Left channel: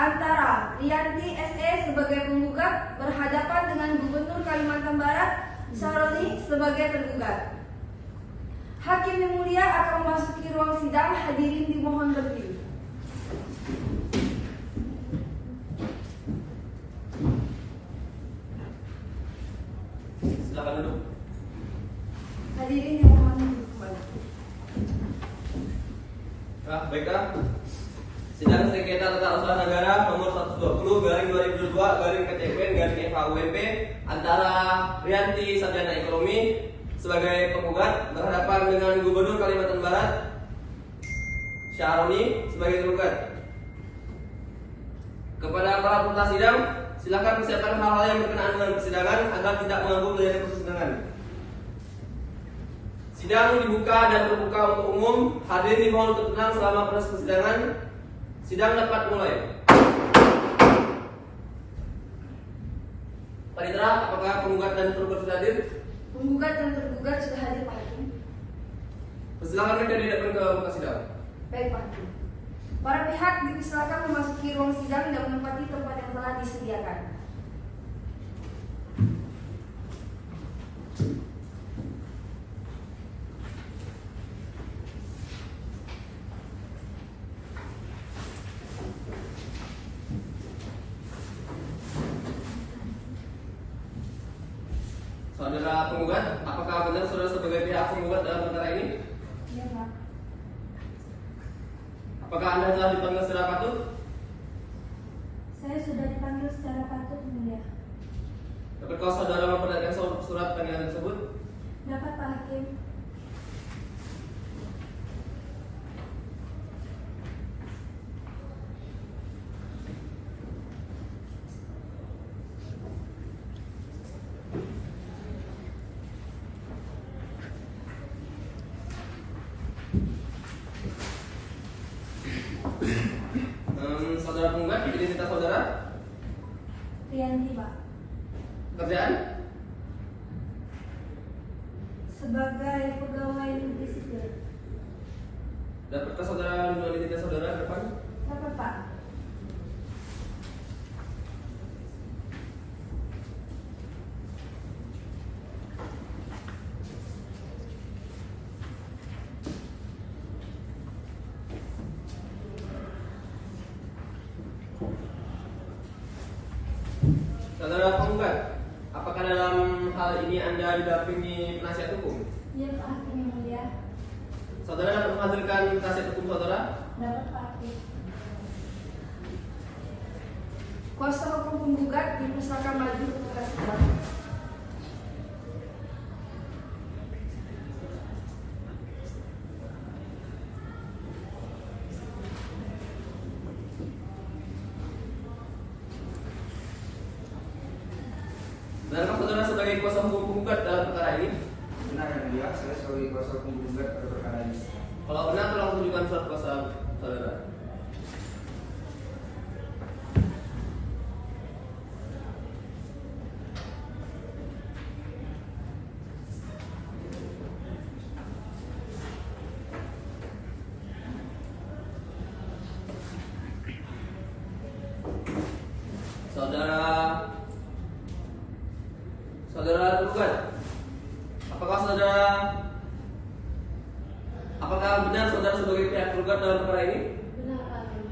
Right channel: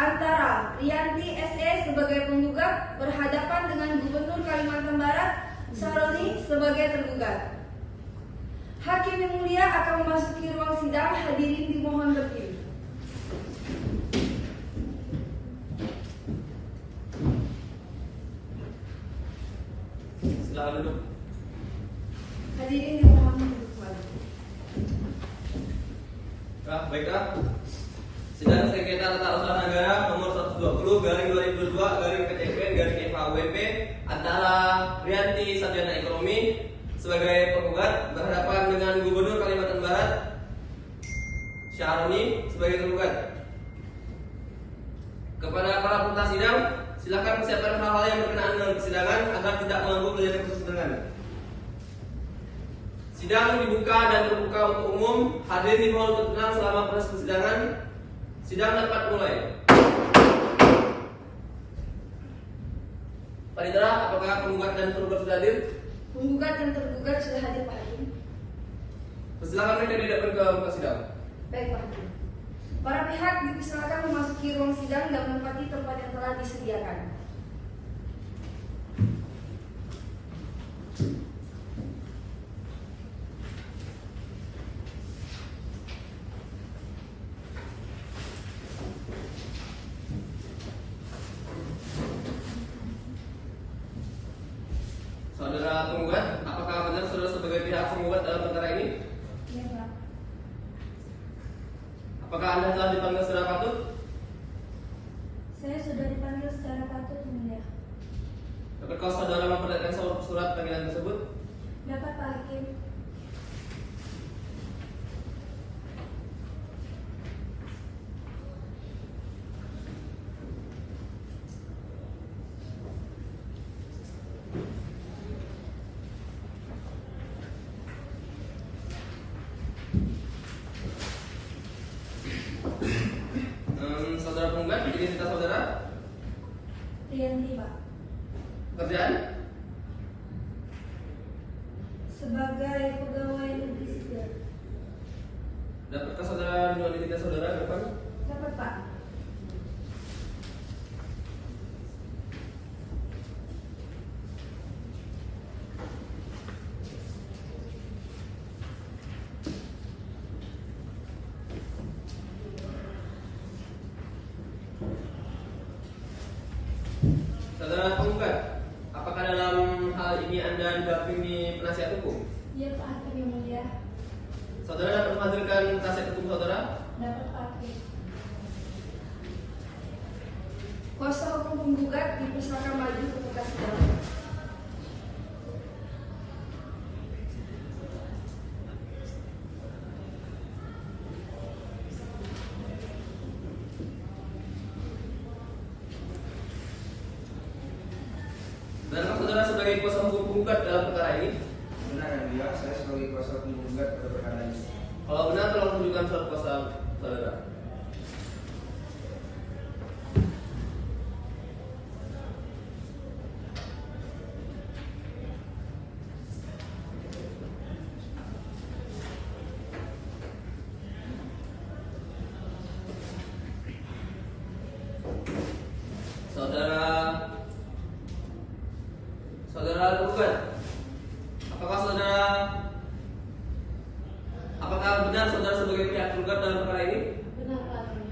antara Rianti SE sebagai penggugat berhadapan dengan Gubernur Kalimantan Barat Syaroni sebagai tergugat. Hakim yang mulia akan memasuki ruang sidang, hadirin dimohon berdiri. Silakan duduk. Hadirin yang mohon duduk kembali. Baiklah. Sidang sengketa tata usaha negara nomor 120/2022/PTPN/FHUMP antara Rianti Sarjana Ekonomi sebagai penggugat berhadapan dengan Gubernur Kalimantan Barat Syaroni sebagai tergugat. Kepada para peserta sidang, silakan persiapkan hal-hal yang berkenaan dengan persidangan agar tidak mengganggu jalannya persidangan. Sidang dibuka dan terbuka untuk umum. Hadirin dimohon untuk tenang selama proses persidangan. Sidang dapat mulai. Panitera, apakah penggugat dan tergugat sudah hadir? Penggugat dan tergugat sudah hadir, Pak Hakim. Persilakan mereka dihadapkan ke muka sidang. Baik, Pak Hakim. Para pihak dipersilakan memasuki ruang sidang dan menempati tempat yang telah disediakan. Saudara penggugat, apakah benar saudara sebagai pihak penggugat dalam perkara ini? Iya, Pak. Apakah Anda telah dipanggil secara patut? Saya sudah dipanggil secara patut, Mulia. Dapatkah saudara memperlihatkan surat panggilan tersebut? Dapat, Pak Hakim. Saudara penggugat, identitas saudara? Rianti, Pak. Pekerjaan? Sebagai pegawai negeri sipil. Dapatkah saudara menunjukkan identitas saudara ke depan? Dapat, Pak. Saudara penggugat, apakah dalam hal ini Anda didampingi penasihat hukum? Iya, Pak Hakim yang mulia. Saudara dapat menghadirkan penasihat hukum saudara? Dapat, Pak Hakim. Kuasa hukum penggugat dipersilakan maju ke muka sidang. Benarkah saudara sebagai kuasa hukum penggugat dalam perkara ini? Benar yang mulia, saya sebagai kuasa hukum penggugat pada perkara ini. Kalau benar, tolong tunjukkan surat kuasa saudara. Saudara tergugat, apakah benar saudara sebagai pihak tergugat dalam perkara ini? Benar, Pak Hakim.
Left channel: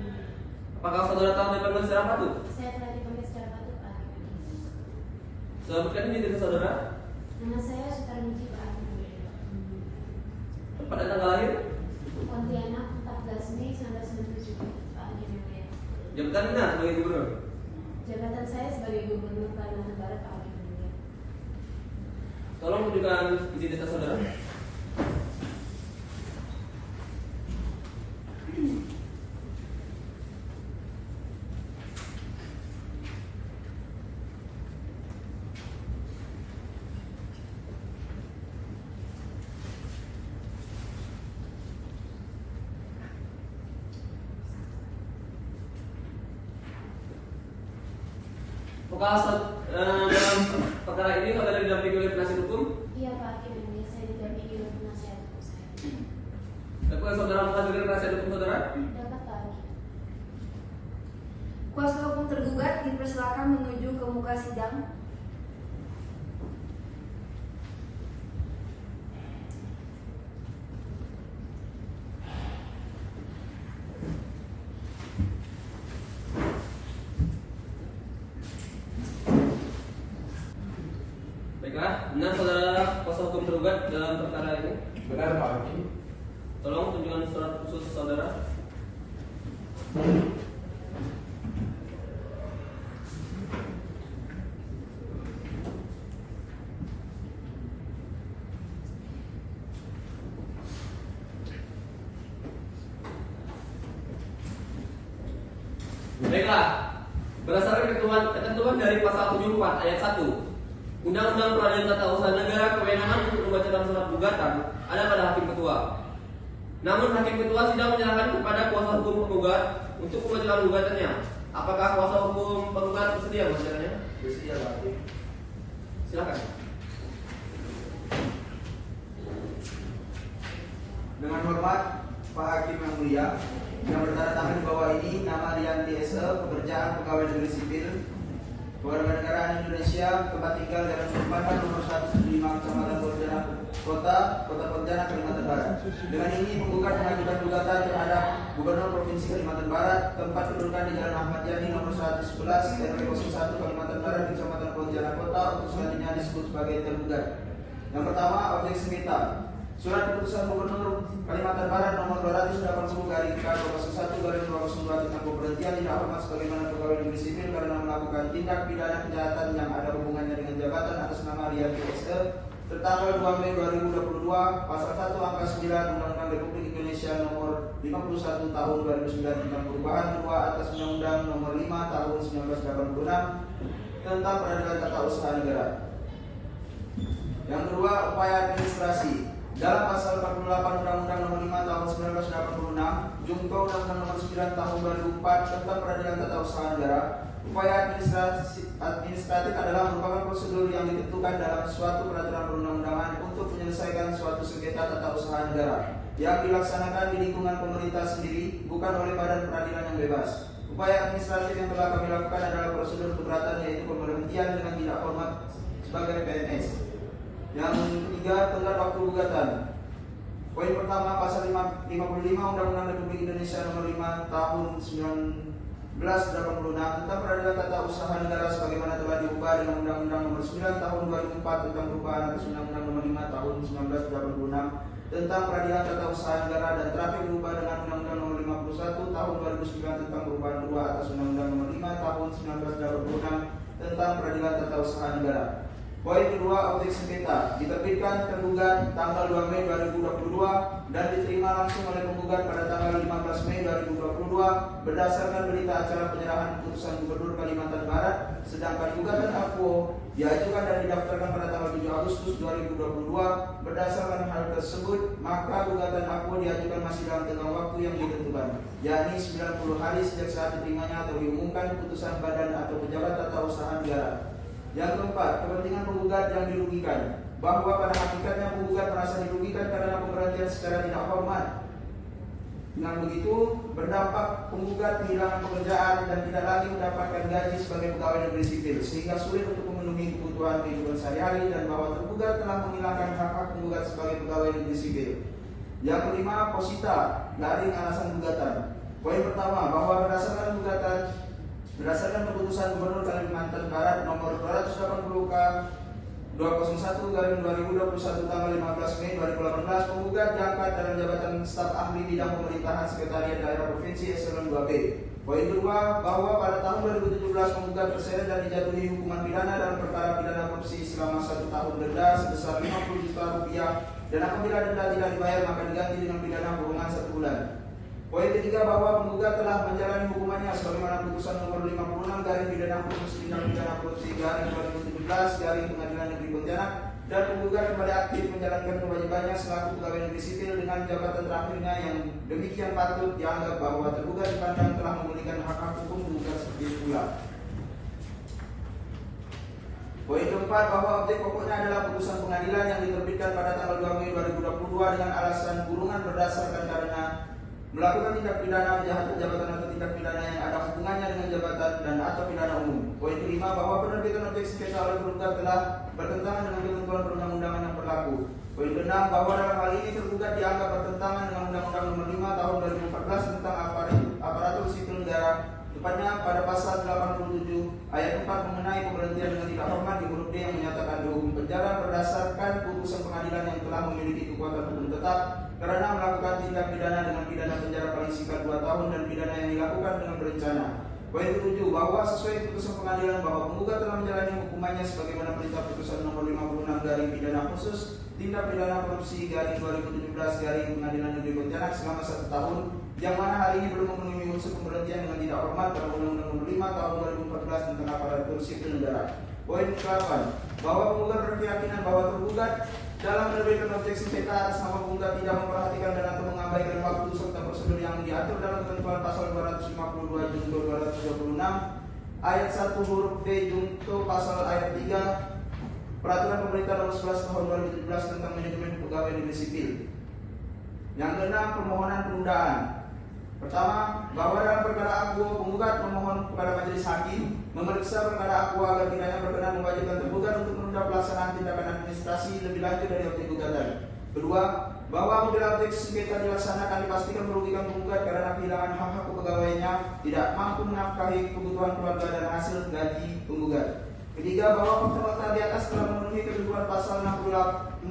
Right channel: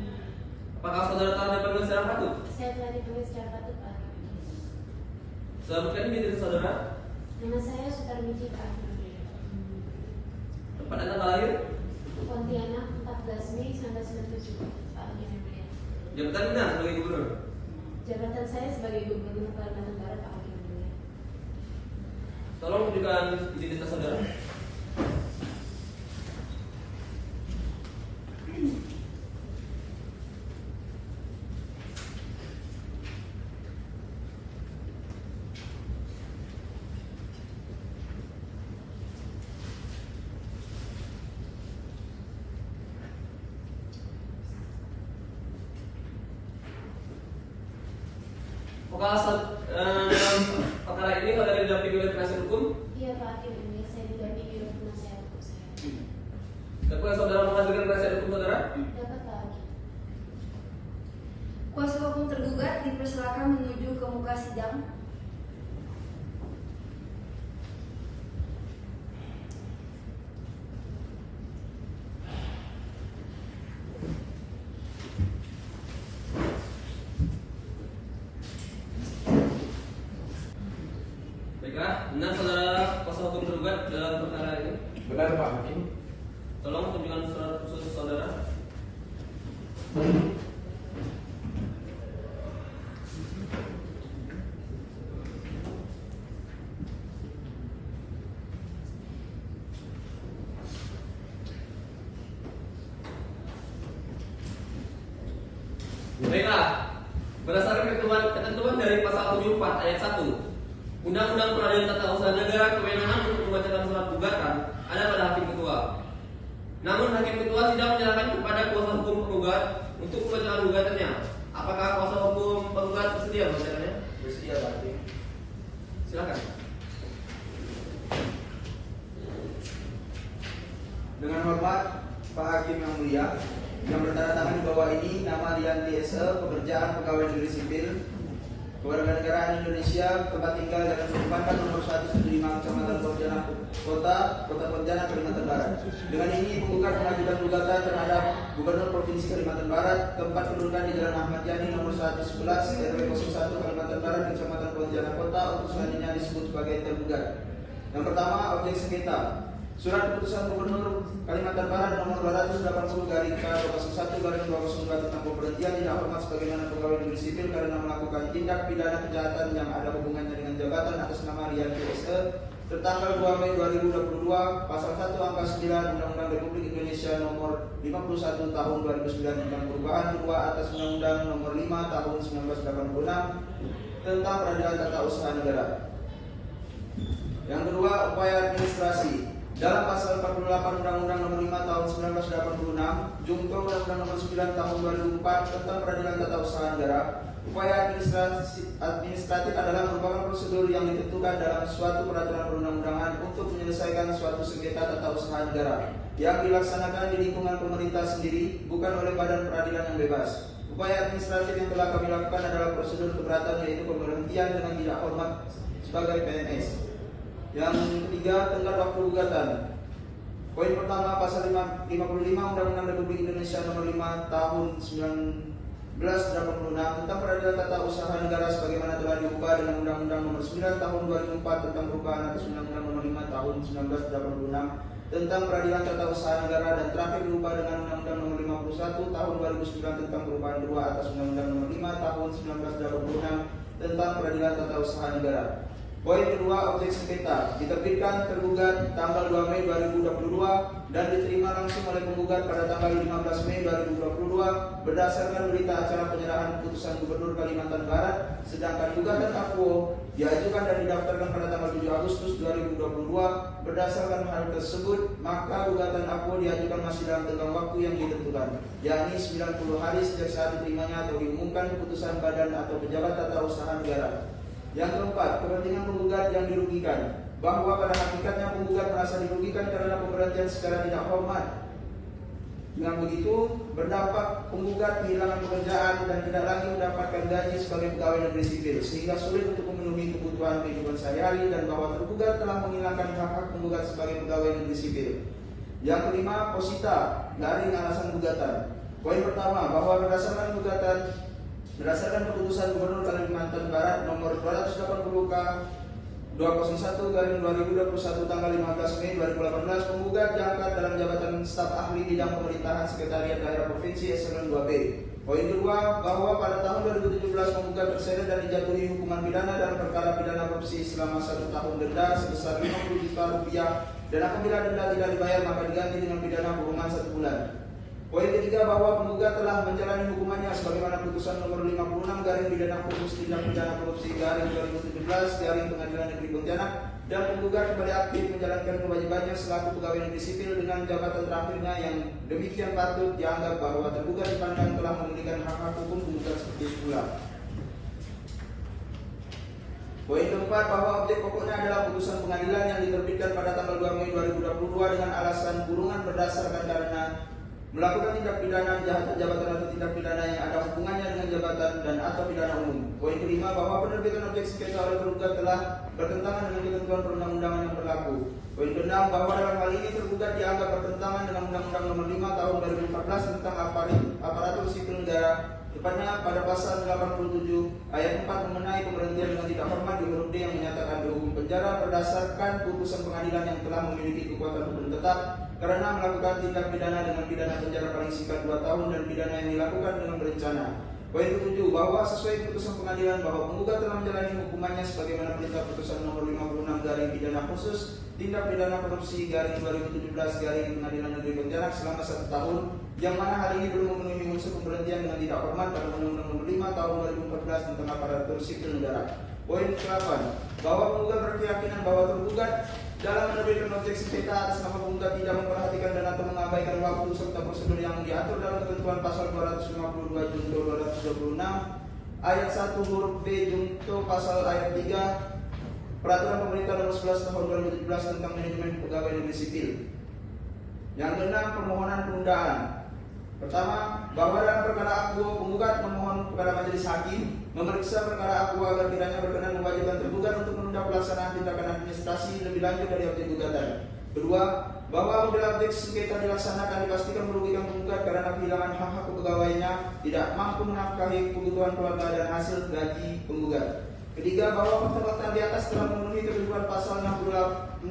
Apakah saudara telah dipanggil secara patut? Saya telah dipanggil secara patut, Pak Hakim. Sebutkan identitas saudara, Nama saya Sutarmiji, Pak Hakim. tempat dan tanggal lahir, Pontianak 14 Mei 1997, Pak Hakim. jabatan benar sebagai gubernur. Jabatan saya sebagai Gubernur Kalimantan Barat, Pak Hakim. Tolong tunjukkan identitas saudara. Dalam perkara ini saudara didampingi oleh penasihat hukum? Iya, Pak Hakim. Saya didampingi oleh penasihat hukum saya. Dapat saudara menghadirkan penasihat hukum saudara? Dapat, Pak Hakim. tergugat dipersilakan menuju ke muka sidang. Baiklah, benar saudara kuasa hukum tergugat dalam perkara ini? Benar Pak Hakim. Tolong tunjukkan surat khusus saudara. Baiklah, berdasarkan ketentuan dari pasal 74 ayat 1 Undang-Undang Peradilan Tata Usaha Negara, kewenangan untuk membacakan surat gugatan ada pada hakim ketua. Namun hakim ketua tidak menyerahkan kepada kuasa hukum penggugat untuk membacakan gugatannya. Apakah kuasa hukum penggugat bersedia membacakannya? Bersedia Pak Hakim. Silakan. Dengan hormat Pak Hakim yang mulia, yang bertanda tangan di bawah ini nama Rianti SE, pekerjaan pegawai negeri sipil, Kewarganegaraan Indonesia, tempat tinggal Jalan Perempatan nomor 175 Kecamatan Pontianak Kota Pontianak, Kalimantan Barat. Dengan ini penggugat mengajukan gugatan terhadap Gubernur Provinsi Kalimantan Barat, tempat kedudukan di Jalan Ahmad Yani nomor 111 RW 01 Kalimantan Barat, Kecamatan Pontianak Kota, untuk selanjutnya disebut sebagai tergugat. Yang pertama, objek sengketa. Surat keputusan Gubernur Kalimantan Barat nomor 280/K/01/202 tentang pemberhentian tidak hormat sebagaimana pegawai negeri sipil karena melakukan tindak pidana kejahatan yang ada hubungannya dengan jabatan atas nama Rianti SE tertanggal 2 Mei 2022 pasal 1 angka 9 Undang-Undang Republik Indonesia nomor 51 tahun 2009 tentang perubahan kedua atas Undang-Undang nomor 5 tahun 1986 tentang Peradilan Tata Usaha Negara. Yang kedua, upaya administrasi. Dalam pasal 48 Undang-Undang nomor 5 tahun 1986, Junto Undang-Undang nomor 9 tahun 2004 tentang Peradilan Tata Usaha Negara, upaya administratif adalah merupakan prosedur yang ditentukan dalam suatu peraturan perundang-undangan untuk menyelesaikan suatu sengketa tata usaha negara yang dilaksanakan di lingkungan pemerintah sendiri, bukan oleh badan peradilan yang bebas. Upaya administratif yang telah kami lakukan adalah prosedur keberatan, yaitu pemberhentian dengan tidak hormat sebagai PNS. Yang ketiga, tenggat waktu gugatan. Poin pertama, pasal 55 Undang-Undang Republik Indonesia nomor 5 tahun 1986 tentang Peradilan Tata Usaha Negara sebagaimana telah diubah dengan Undang-Undang nomor 9 tahun 2004 tentang perubahan atas Undang-Undang nomor 5 tahun 1986 tentang Peradilan Tata Usaha Negara, dan terakhir diubah dengan Undang-Undang nomor 51 tahun 2009 tentang perubahan kedua atas Undang-Undang nomor 5 tahun 1986 tentang Peradilan Tata Usaha Negara. Poin kedua, objek sengketa diterbitkan tergugat tanggal 2 Mei 2022 dan diterima langsung oleh penggugat pada tanggal 15 Mei 2022 berdasarkan berita acara penyerahan keputusan Gubernur Kalimantan Barat, sedangkan gugatan akuo diajukan dan didaftarkan pada tanggal 7 Agustus 2022. Berdasarkan hal tersebut, maka gugatan akuo diajukan masih dalam tenggang waktu yang ditentukan, yakni 90 hari sejak saat diterimanya atau diumumkan keputusan badan atau pejabat tata usaha negara. Yang keempat, kepentingan penggugat yang dirugikan, bahwa pada hakikatnya penggugat merasa dirugikan karena pemberhentian secara tidak hormat. Dengan begitu, berdampak penggugat kehilangan pekerjaan dan tidak lagi mendapatkan gaji sebagai pegawai negeri sipil, sehingga sulit untuk memenuhi kebutuhan kehidupan sehari-hari, dan bahwa tergugat telah menghilangkan hak-hak penggugat sebagai pegawai negeri sipil. Yang kelima, posita garing alasan gugatan. Poin pertama, bahwa berdasarkan keputusan Gubernur Kalimantan Barat nomor 280 K/201/2021 tanggal 15 Mei 2018, penggugat diangkat dalam jabatan staf ahli bidang pemerintahan sekretariat daerah provinsi eselon 2B. Poin kedua, bahwa pada tahun 2017 penggugat terseret dan dijatuhi hukuman pidana dalam perkara pidana korupsi selama 1 tahun, denda sebesar 50 juta rupiah, dan apabila denda tidak dibayar maka diganti dengan pidana kurungan 1 bulan. Poin ketiga, bahwa penggugat telah menjalani hukumannya sebagaimana putusan nomor 56 garing pidana khusus tindak pidana korupsi garing 2017 garing Pengadilan Negeri Pontianak, dan penggugat kembali aktif menjalankan kewajibannya selaku pegawai negeri sipil dengan jabatan terakhirnya, yang demikian patut dianggap bahwa tergugat dipandang telah memulihkan hak-hak hukum penggugat seperti semula. Poin keempat, bahwa objek pokoknya adalah putusan pengadilan yang diterbitkan pada tanggal 2 Mei 2022 dengan alasan kurungan berdasarkan karena melakukan tindak pidana kejahatan jabatan atau tindak pidana yang ada hubungannya dengan jabatan dan atau pidana umum. Poin kelima, bahwa penerbitan objek sengketa oleh tergugat telah bertentangan dengan ketentuan perundang-undangan yang berlaku. Poin keenam, bahwa dalam hal ini tergugat dianggap bertentangan dengan Undang-Undang Nomor 5 Tahun 2014 tentang aparatur sipil negara, tepatnya pada pasal 87 ayat 4 mengenai pemberhentian dengan tidak hormat di huruf D yang menyatakan berhukum penjara berdasarkan putusan pengadilan yang telah memiliki kekuatan hukum tetap karena melakukan tindak pidana dengan pidana penjara paling singkat 2 tahun dan pidana yang dilakukan dengan berencana. Poin ke-7, bahwa sesuai putusan pengadilan bahwa penggugat telah menjalani hukumannya sebagaimana perintah putusan nomor 56 garing pidana khusus tindak pidana korupsi garing 2017 garing Pengadilan Negeri Pontianak selama 1 tahun, yang mana hari ini belum memenuhi unsur pemberhentian dengan tidak hormat dalam Undang-Undang Nomor 5 Tahun 2014 tentang aparatur sipil negara. Poin ke-8, bahwa penggugat berkeyakinan bahwa tergugat dalam menerbitkan objek sengketa atas nama penggugat tidak memperhatikan dan atau mengabaikan waktu serta prosedur yang diatur dalam ketentuan pasal 252 junto 226 ayat 1 huruf B junto pasal ayat 3 Peraturan Pemerintah Nomor 11 Tahun 2017 tentang manajemen pegawai negeri sipil. Yang keenam, permohonan penundaan. Pertama, bahwa dalam perkara akuo penggugat memohon kepada majelis hakim memeriksa perkara akuo agar kiranya berkenan mewajibkan tergugat untuk menunda pelaksanaan tindakan administrasi lebih lanjut dari objek gugatan. Kedua, bahwa apabila objek sengketa dilaksanakan dipastikan merugikan penggugat karena kehilangan hak-hak kepegawaiannya, tidak mampu menafkahi kebutuhan keluarga dan hasil gaji penggugat. Ketiga, bahwa fakta di atas telah memenuhi ketentuan pasal 64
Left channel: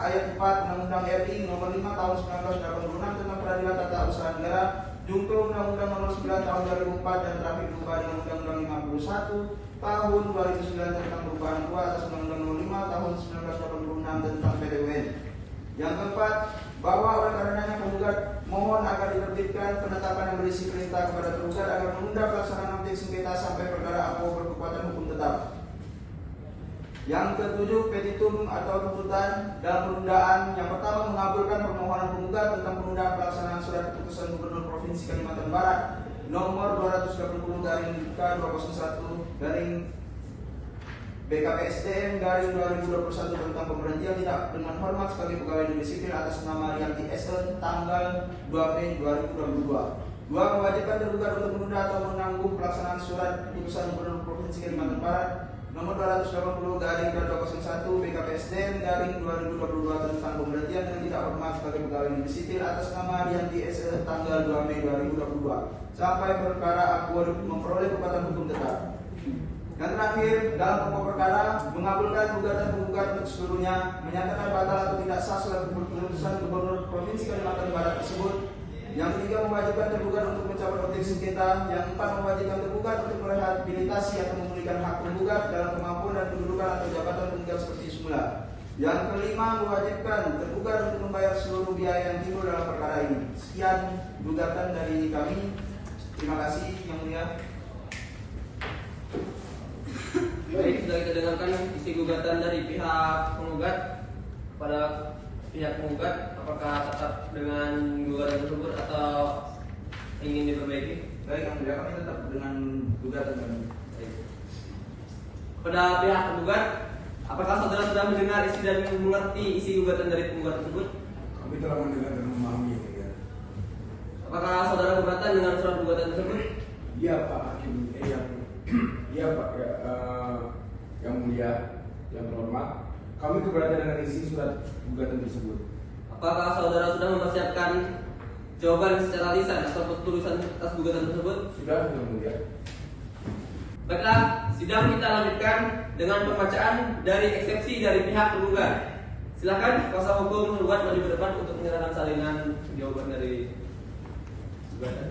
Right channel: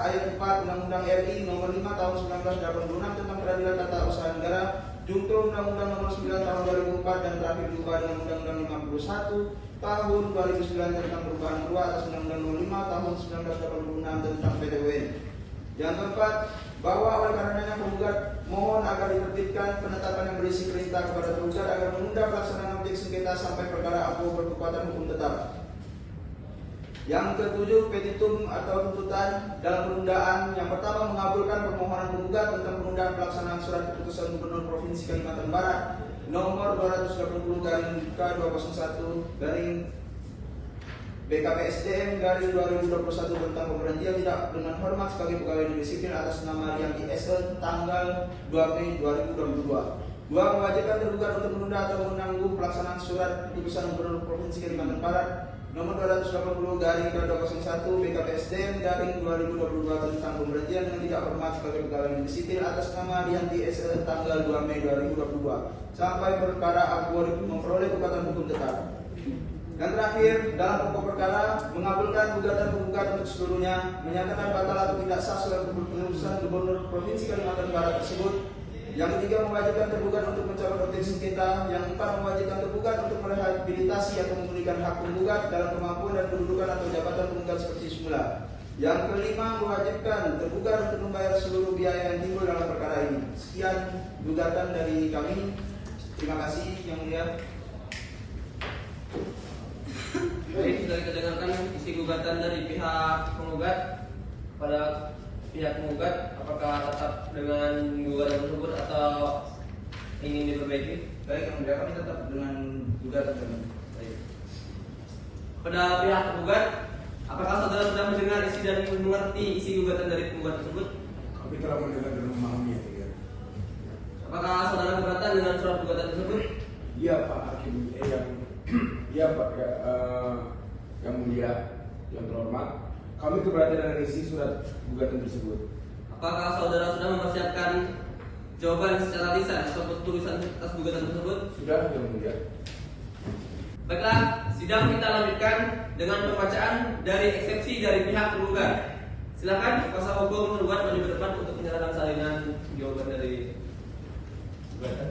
ayat 4 Undang-Undang RI Nomor 5 Tahun 1986 tentang Peradilan Tata Usaha Negara, junto Undang-Undang Nomor 9 Tahun 2004 dan terakhir berubah dengan Undang-Undang 51 Tahun 2009 tentang perubahan kedua atas Undang-Undang Nomor 5 Tahun 1986 tentang PTUN. Yang keempat, bahwa oleh karenanya penggugat mohon agar diterbitkan penetapan yang berisi perintah kepada tergugat agar menunda pelaksanaan objek sengketa sampai perkara akuo berkekuatan hukum tetap. Yang ketujuh, petitum atau tuntutan dalam penundaan. Yang pertama, mengabulkan permohonan penggugat tentang penundaan pelaksanaan surat keputusan Gubernur Provinsi Kalimantan Barat nomor 230 garing K201 garing BKPSDM garing 2021 tentang pemberhentian tidak dengan hormat sebagai pegawai negeri sipil atas nama Rianti SL tanggal 2 Mei 2022. Dua, mewajibkan tergugat untuk menunda atau menanggung pelaksanaan surat keputusan Gubernur Provinsi Kalimantan Barat nomor 280 garing K201 BKPSDM garing 2022 tentang pemberhentian dengan tidak hormat sebagai pegawai negeri sipil atas nama Rianti SL tanggal 2 Mei 2022 sampai perkara akuo memperoleh kekuatan hukum tetap. Dan terakhir, dalam pokok perkara, mengabulkan gugatan penggugat untuk seluruhnya, menyatakan batal atau tidak sah surat keputusan Gubernur Provinsi Kalimantan Barat tersebut. Yang ketiga, mewajibkan tergugat untuk mencabut objek sengketa. Yang keempat, mewajibkan tergugat untuk merehabilitasi atau memulihkan hak penggugat dalam kemampuan dan kedudukan atau jabatan penggugat seperti semula. Yang kelima, mewajibkan tergugat untuk membayar seluruh biaya yang timbul dalam perkara ini. Sekian gugatan dari kami. Terima kasih yang mulia. Baik, sudah kita dengarkan isi gugatan dari pihak penggugat pada pihak penggugat. Apakah tetap dengan gugatan tersebut atau ingin diperbaiki? Baik, yang mulia, kami tetap dengan gugatan kami. Baik. Pada pihak penggugat, apakah saudara sudah mendengar isi dan mengerti isi gugatan dari penggugat tersebut? Kami telah mendengar dan memahami, ya. Apakah saudara keberatan dengan surat gugatan tersebut? Iya Pak Hakim, iya Pak, yang mulia, yang terhormat, kami keberatan dengan isi surat gugatan tersebut. Apakah saudara sudah mempersiapkan jawaban secara lisan atau tulisan atas gugatan tersebut? Sudah, yang mulia. Baiklah, sidang kita lanjutkan dengan pembacaan dari eksepsi dari pihak penggugat. Silakan kuasa hukum penggugat maju ke depan untuk menyerahkan salinan jawaban dari gugatan.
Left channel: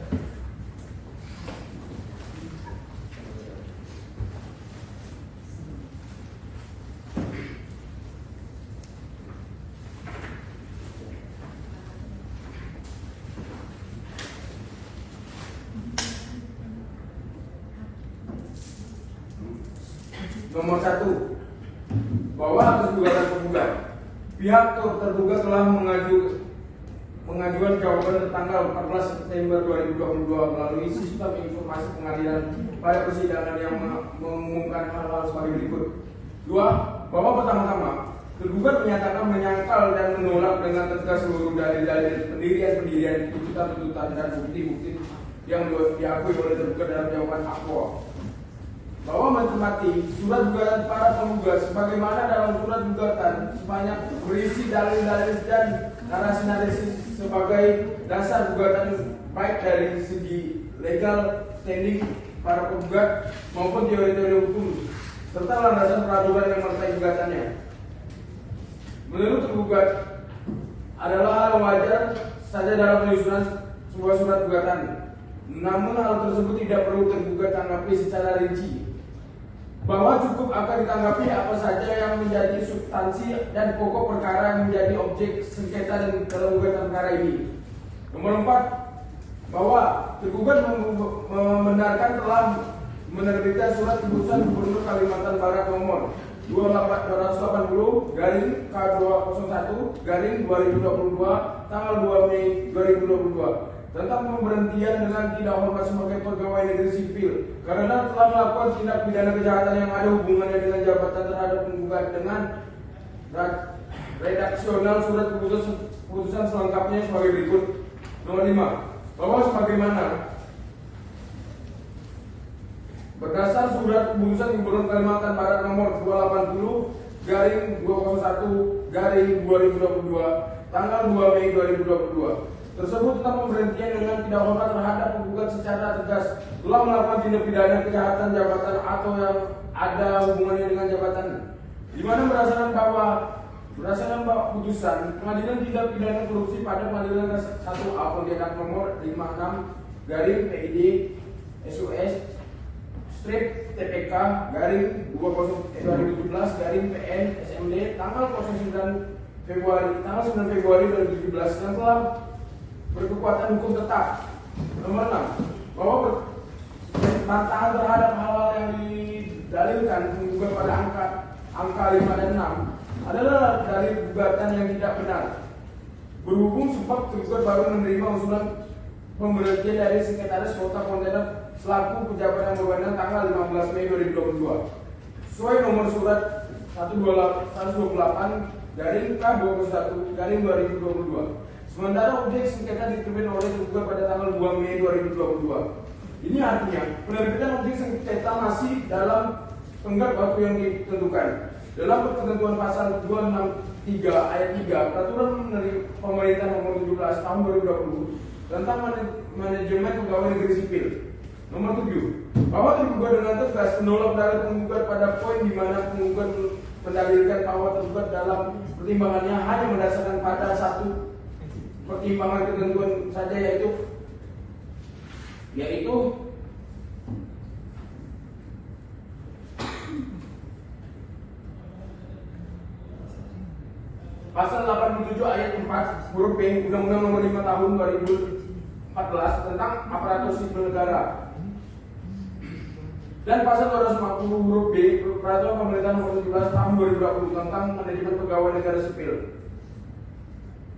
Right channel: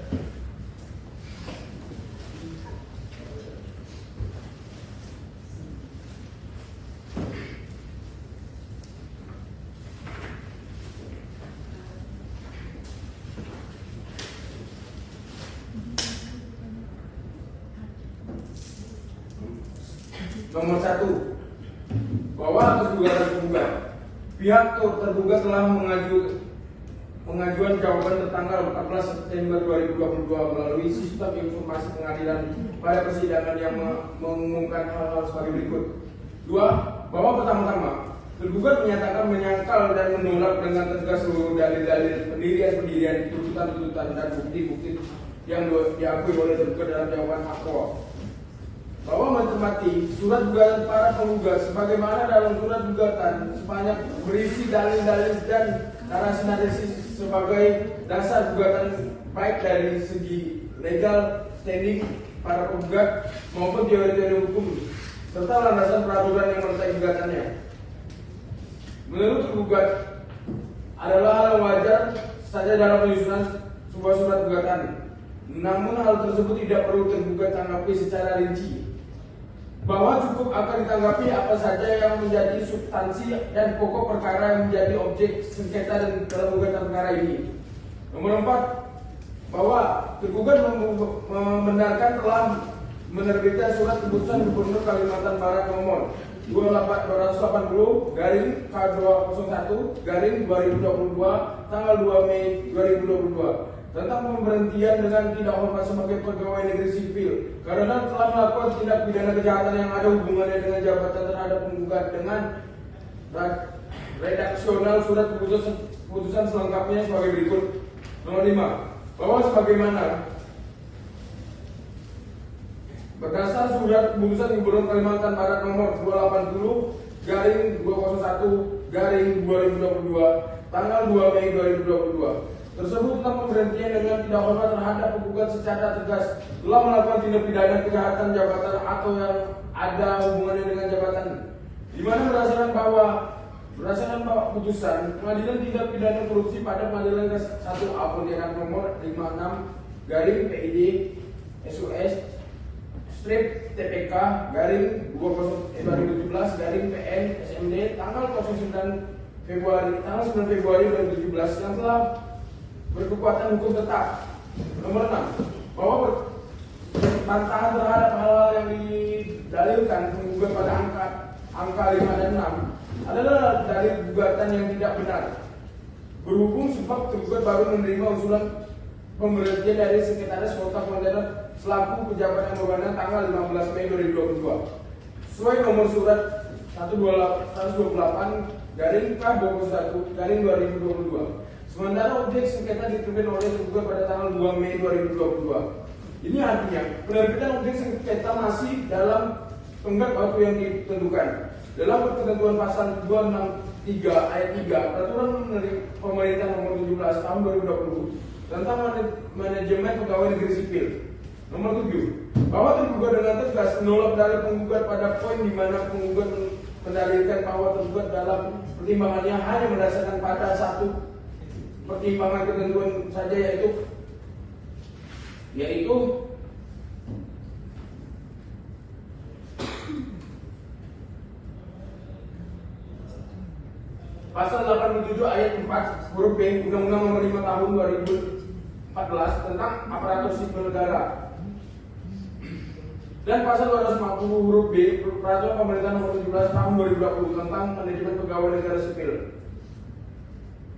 Nomor 1, bahwa atas gugatan penggugat, pihak tergugat telah mengajukan jawaban tertanggal 14 September 2022 melalui sistem informasi pengadilan pada persidangan yang mengumumkan hal-hal sebagai berikut. 2, bahwa pertama-tama Tergugat menyatakan menyangkal dan menolak dengan tegas seluruh dalil-dalil pendirian tuntutan dan bukti-bukti yang diakui oleh tergugat dalam jawaban aqua. Bahwa mencermati surat gugatan para penggugat sebagaimana dalam surat gugatan sebanyak berisi dalil-dalil dan narasi-narasi sebagai dasar gugatan baik dari segi legal standing para penggugat maupun teori-teori hukum serta landasan peraturan yang menyertai gugatannya. Menurut tergugat adalah hal wajar saja dalam penyusunan sebuah surat gugatan. Namun hal tersebut tidak perlu tergugat tanggapi secara rinci. Bahwa cukup akan ditanggapi apa saja yang menjadi substansi dan pokok perkara yang menjadi objek sengketa dan dalam gugatan perkara ini. Nomor 4, bahwa tergugat membenarkan telah menerbitkan surat keputusan Gubernur Kalimantan Barat nomor 280 garing K201 garing 2022 tanggal 2 Mei 2022 tentang pemberhentian dengan tidak hormat sebagai pegawai negeri sipil karena telah melakukan tindak pidana kejahatan yang ada hubungannya dengan jabatan terhadap penggugat dengan redaksional surat keputusan selengkapnya sebagai berikut. Nomor 5, bahwa sebagaimana berdasar surat keputusan Gubernur Kalimantan Barat nomor 280 garing 201 garing 2022 tanggal 2 Mei 2022 tersebut tentang pemberhentian dengan tidak hormat terhadap penggugat secara tegas telah melakukan tindak pidana kejahatan jabatan atau yang ada hubungannya dengan jabatan, di mana berdasarkan putusan Pengadilan Tindak Pidana Korupsi pada Pengadilan 1A Pontianak nomor 56 garing PID SUS strip TPK garing 2017 garing PN SMD tanggal 9 Februari 2017 yang telah berkekuatan hukum tetap. Nomor 6, bahwa bantahan terhadap hal-hal yang didalilkan penggugat pada angka 5 dan 6 adalah dari gugatan yang tidak benar. Berhubung sebab tergugat baru menerima usulan pemberhentian dari Sekretaris Kota Pontianak selaku pejabat anggotannya tanggal 15 Mei 2022 sesuai nomor surat 128 garing K21 garing 2022. Sementara objek sengketa diterima oleh tergugat pada tanggal 2 Mei 2022. Ini artinya penerbitan objek sengketa masih dalam tenggat waktu yang ditentukan. Dalam ketentuan pasal 263 ayat 3 Peraturan Pemerintah nomor 17 tahun 2020 tentang manajemen pegawai negeri sipil. Nomor 7, bahwa tergugat dengan tegas menolak dalil penggugat pada poin di mana penggugat mendalilkan bahwa tergugat dalam pertimbangannya hanya berdasarkan pada satu pertimbangan ketentuan saja yaitu Pasal 87 ayat 4 huruf B Undang-Undang Nomor 5 Tahun 2014 tentang aparatur sipil negara dan pasal 250 huruf B Peraturan Pemerintah Nomor 17 Tahun 2020 tentang manajemen pegawai negara sipil.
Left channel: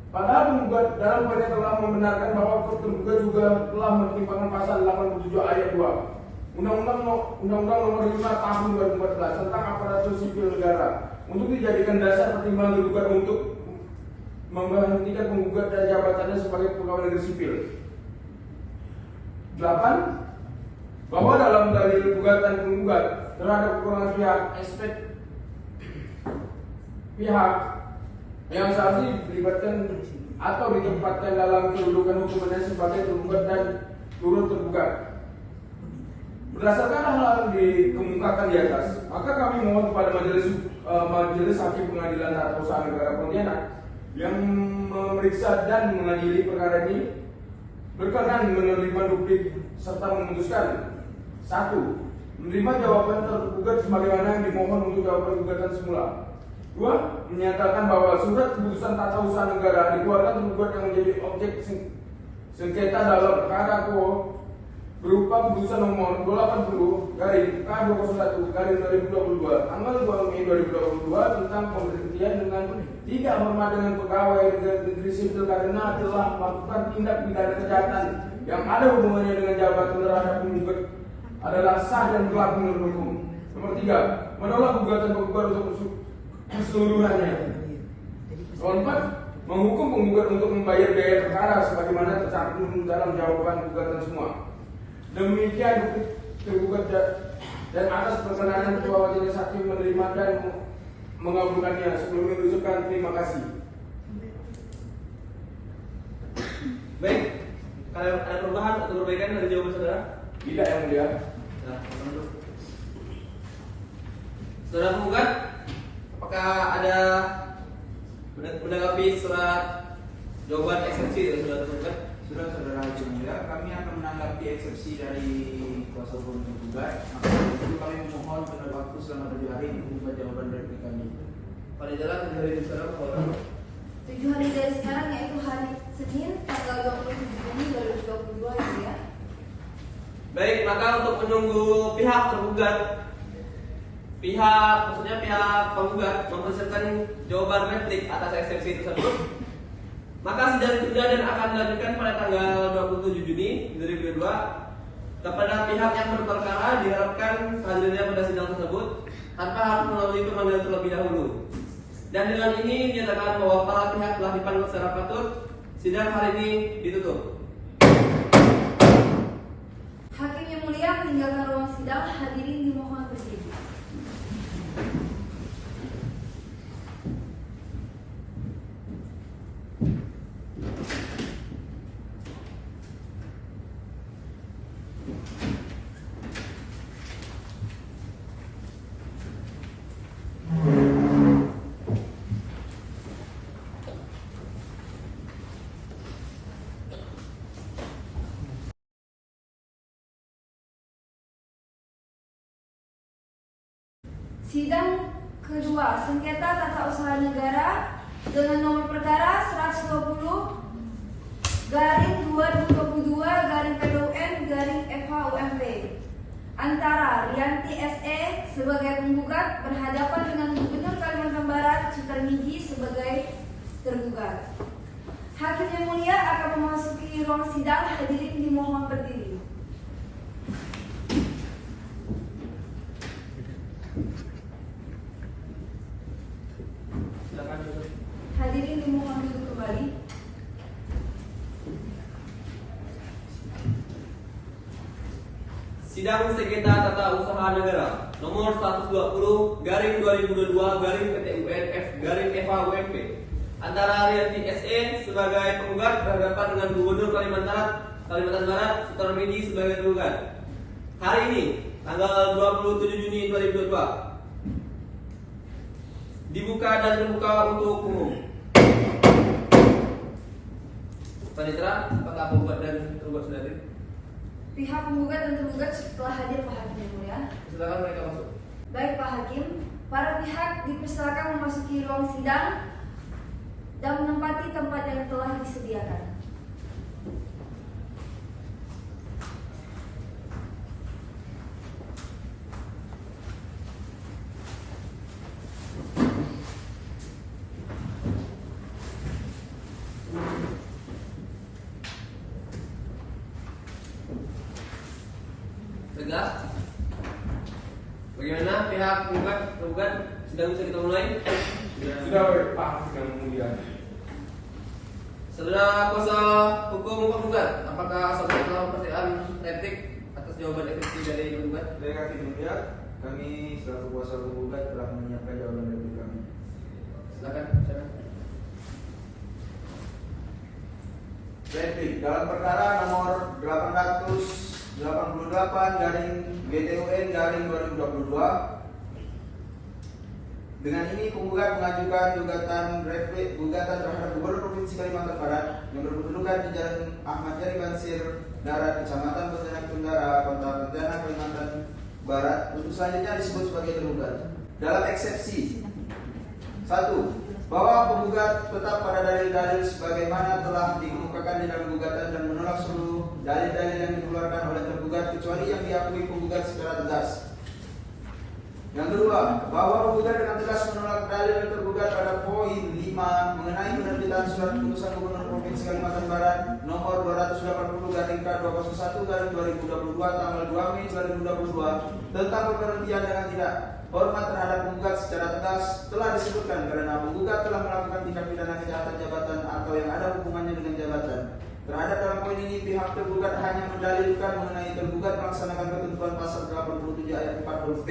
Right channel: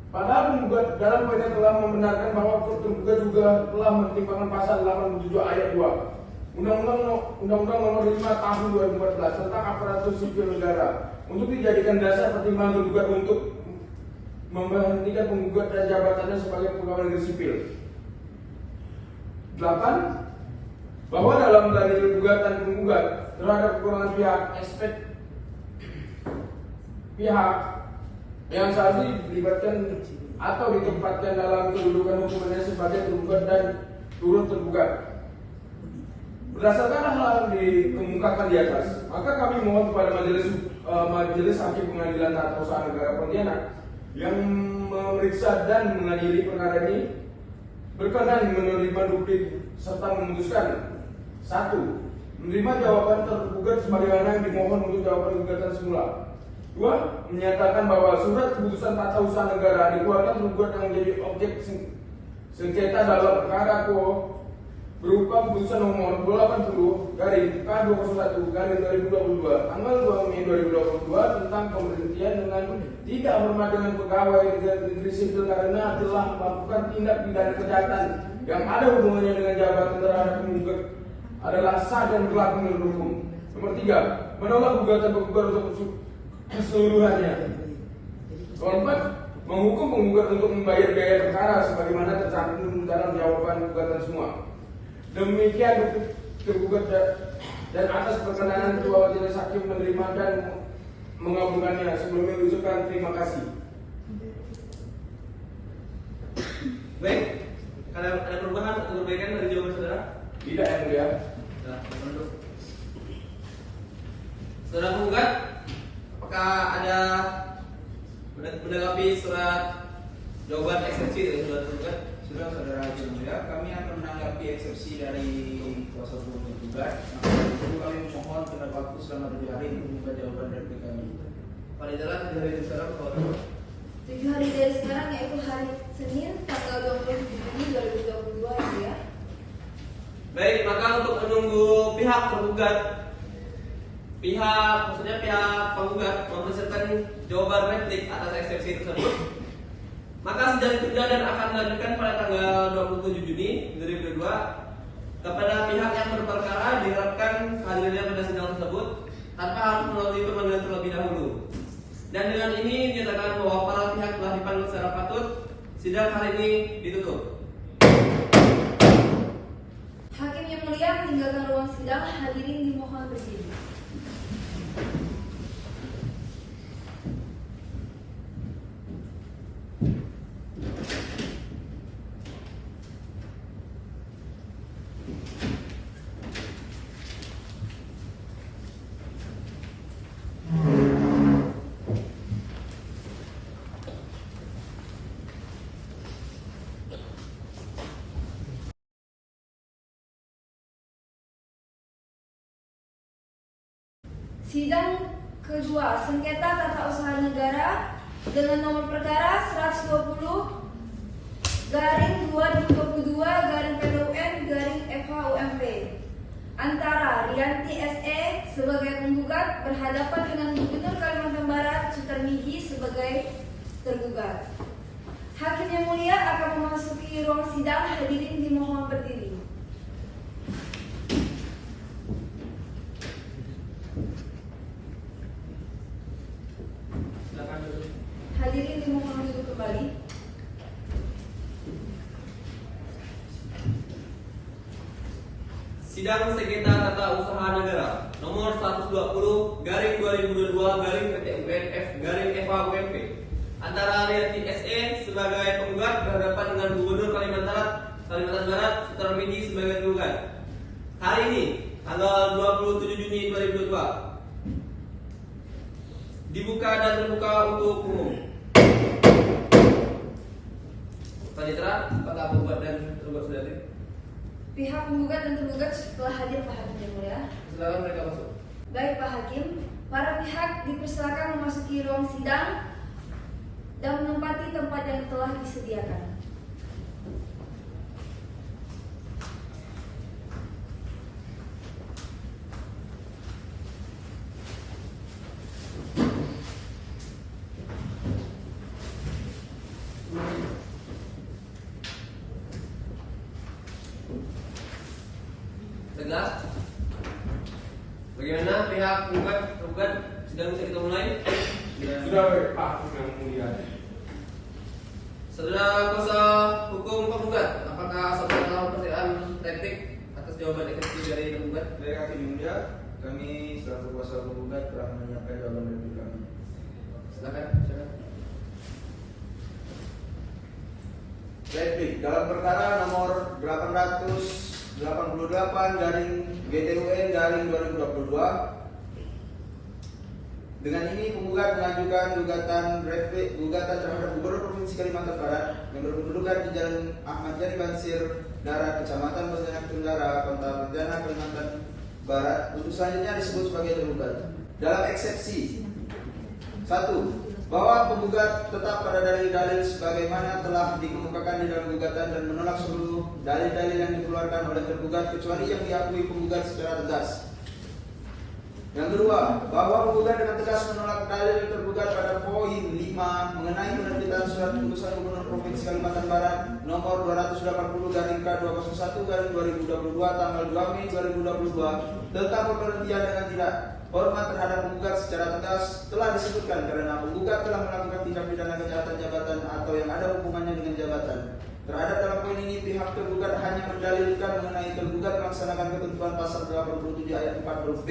Padahal penggugat dalam poinnya telah membenarkan bahwa tergugat juga telah mempertimbangkan pasal 87 ayat 2 Undang-Undang Nomor 5 Tahun 2014 tentang aparatur sipil negara untuk dijadikan dasar pertimbangan tergugat untuk memberhentikan penggugat dan jabatannya sebagai pegawai negeri sipil. 8. Bahwa dalam dalil gugatan penggugat terhadap kekurangan pihak yang seharusnya dilibatkan atau ditempatkan dalam kedudukan hukumannya sebagai tergugat dan turut tergugat. Berdasarkan hal yang dikemukakan di atas, maka kami mohon kepada Majelis Hakim Pengadilan Tata Usaha Negara Pontianak yang memeriksa dan mengadili perkara ini berkenan menerima bukti serta memutuskan 1. Menerima jawaban tergugat sebagaimana yang dimohon untuk jawaban gugatan semula. 2. Menyatakan bahwa surat keputusan tata usaha negara dikeluarkan tergugat yang menjadi objek sengketa dalam perkara berupa keputusan nomor 280 garing K21 garing 2022 tanggal 2 Mei 2022 tentang pemberhentian dengan tidak hormat dengan pegawai negeri sipil karena telah melakukan tindak pidana kejahatan yang ada hubungannya dengan jabatan terhadap penggugat adalah sah dan telah menurut hukum. Nomor 3, menolak gugatan penggugat untuk keseluruhannya. Nomor 4, menghukum penggugat untuk membayar biaya perkara sebagaimana tercantum dalam jawaban gugatan semua. Demikian tergugat dan atas perkenan ketua majelis hakim menerima dan mengabulkannya. Sebelumnya ucapkan terima kasih. Baik, kalau ada perubahan atau perbaikan dari jawaban saudara? Tidak, yang mulia. Ya, menurut saudara penggugat, apakah ada menanggapi surat jawaban eksepsi dari saudara penggugat? Saudara-saudara hakim mulia, kami akan menanggapi eksepsi dari kuasa hukum tergugat. Maka dari itu kami memohon terhadap waktu selama 7 hari untuk membuat jawaban dari kami. Pada jalan dari sekarang kalau 7 hari dari sekarang yaitu hari Senin tanggal 27 Juni 2022 ya. baik, maka untuk menunggu pihak tergugat, maksudnya pihak penggugat mempersiapkan jawaban replik atas eksepsi tersebut, maka sidang tunda dan akan dilanjutkan pada tanggal 27 Juni 2022. Kepada pihak yang berperkara diharapkan hadirnya pada sidang tersebut tanpa harus melalui pemanggilan terlebih dahulu. Dan dengan ini dinyatakan bahwa para pihak telah dipanggil secara patut. Sidang hari ini ditutup. Hakim yang mulia meninggalkan ruang sidang, hadirin dimohon berdiri. Sidang kedua sengketa tata usaha negara dengan nomor perkara 120/2022/PPUN/FHUMP antara Rianti SE sebagai penggugat berhadapan dengan Gubernur Kalimantan Barat Sutarmiji sebagai tergugat. Hakim yang mulia akan memasuki ruang sidang, hadirin dimohon berdiri. Silakan duduk. Hadirin dimohon duduk kembali. Sidang sengketa tata usaha negara nomor 120/2022/PTUNF/FHUMP antara Rianti SE sebagai penggugat berhadapan dengan Gubernur Kalimantan Barat Sutarmiji sebagai tergugat. Hari ini tanggal 27 Juni 2022 dibuka dan terbuka untuk umum. Panitera, apakah penggugat dan tergugat sudah hadir? Pihak penggugat dan tergugat setelah hadir Pak Hakim yang mulia. Silakan mereka masuk. Baik Pak Hakim, para pihak dipersilakan memasuki ruang sidang dan menempati tempat yang telah disediakan. Tegas? Bagaimana pihak penggugat sudah bisa kita mulai? Sudah, Pak yang mulia. Saudara kuasa hukum penggugat, apakah saudara telah pertanyaan replik atas jawaban eksepsi dari penggugat? Baik hakim mulia, kami selaku kuasa hukum penggugat telah menyiapkan jawaban dari kami. Silakan. Replik dalam perkara nomor 888/GTUN/2022. Dengan ini penggugat mengajukan gugatan terhadap Gubernur Provinsi Kalimantan Barat yang berkedudukan di Jalan Ahmad Yani Bansir, Darat, Kecamatan Pontianak Tundara, Kota Pontianak, Kalimantan Barat. Untuk selanjutnya disebut sebagai tergugat. Dalam eksepsi 1. Bahwa penggugat tetap pada dalil-dalil sebagaimana telah dikemukakan di dalam gugatan dan menolak seluruh dalil-dalil yang dikeluarkan oleh tergugat kecuali yang diakui penggugat secara tegas. Yang kedua, bahwa penggugat dengan tegas menolak dalil yang tergugat pada poin 5 mengenai penerbitan surat keputusan Gubernur Provinsi Kalimantan Barat nomor 280/K201/2022 tanggal 2 Mei 2022 tentang pemberhentian dengan tidak hormat terhadap penggugat secara tegas telah disebutkan karena penggugat telah melakukan tindak pidana kejahatan jabatan atau yang ada hubungannya dengan jabatan. Terhadap dalam poin ini pihak tergugat hanya mendalilkan mengenai tergugat melaksanakan ketentuan pasal 87 ayat 4 huruf B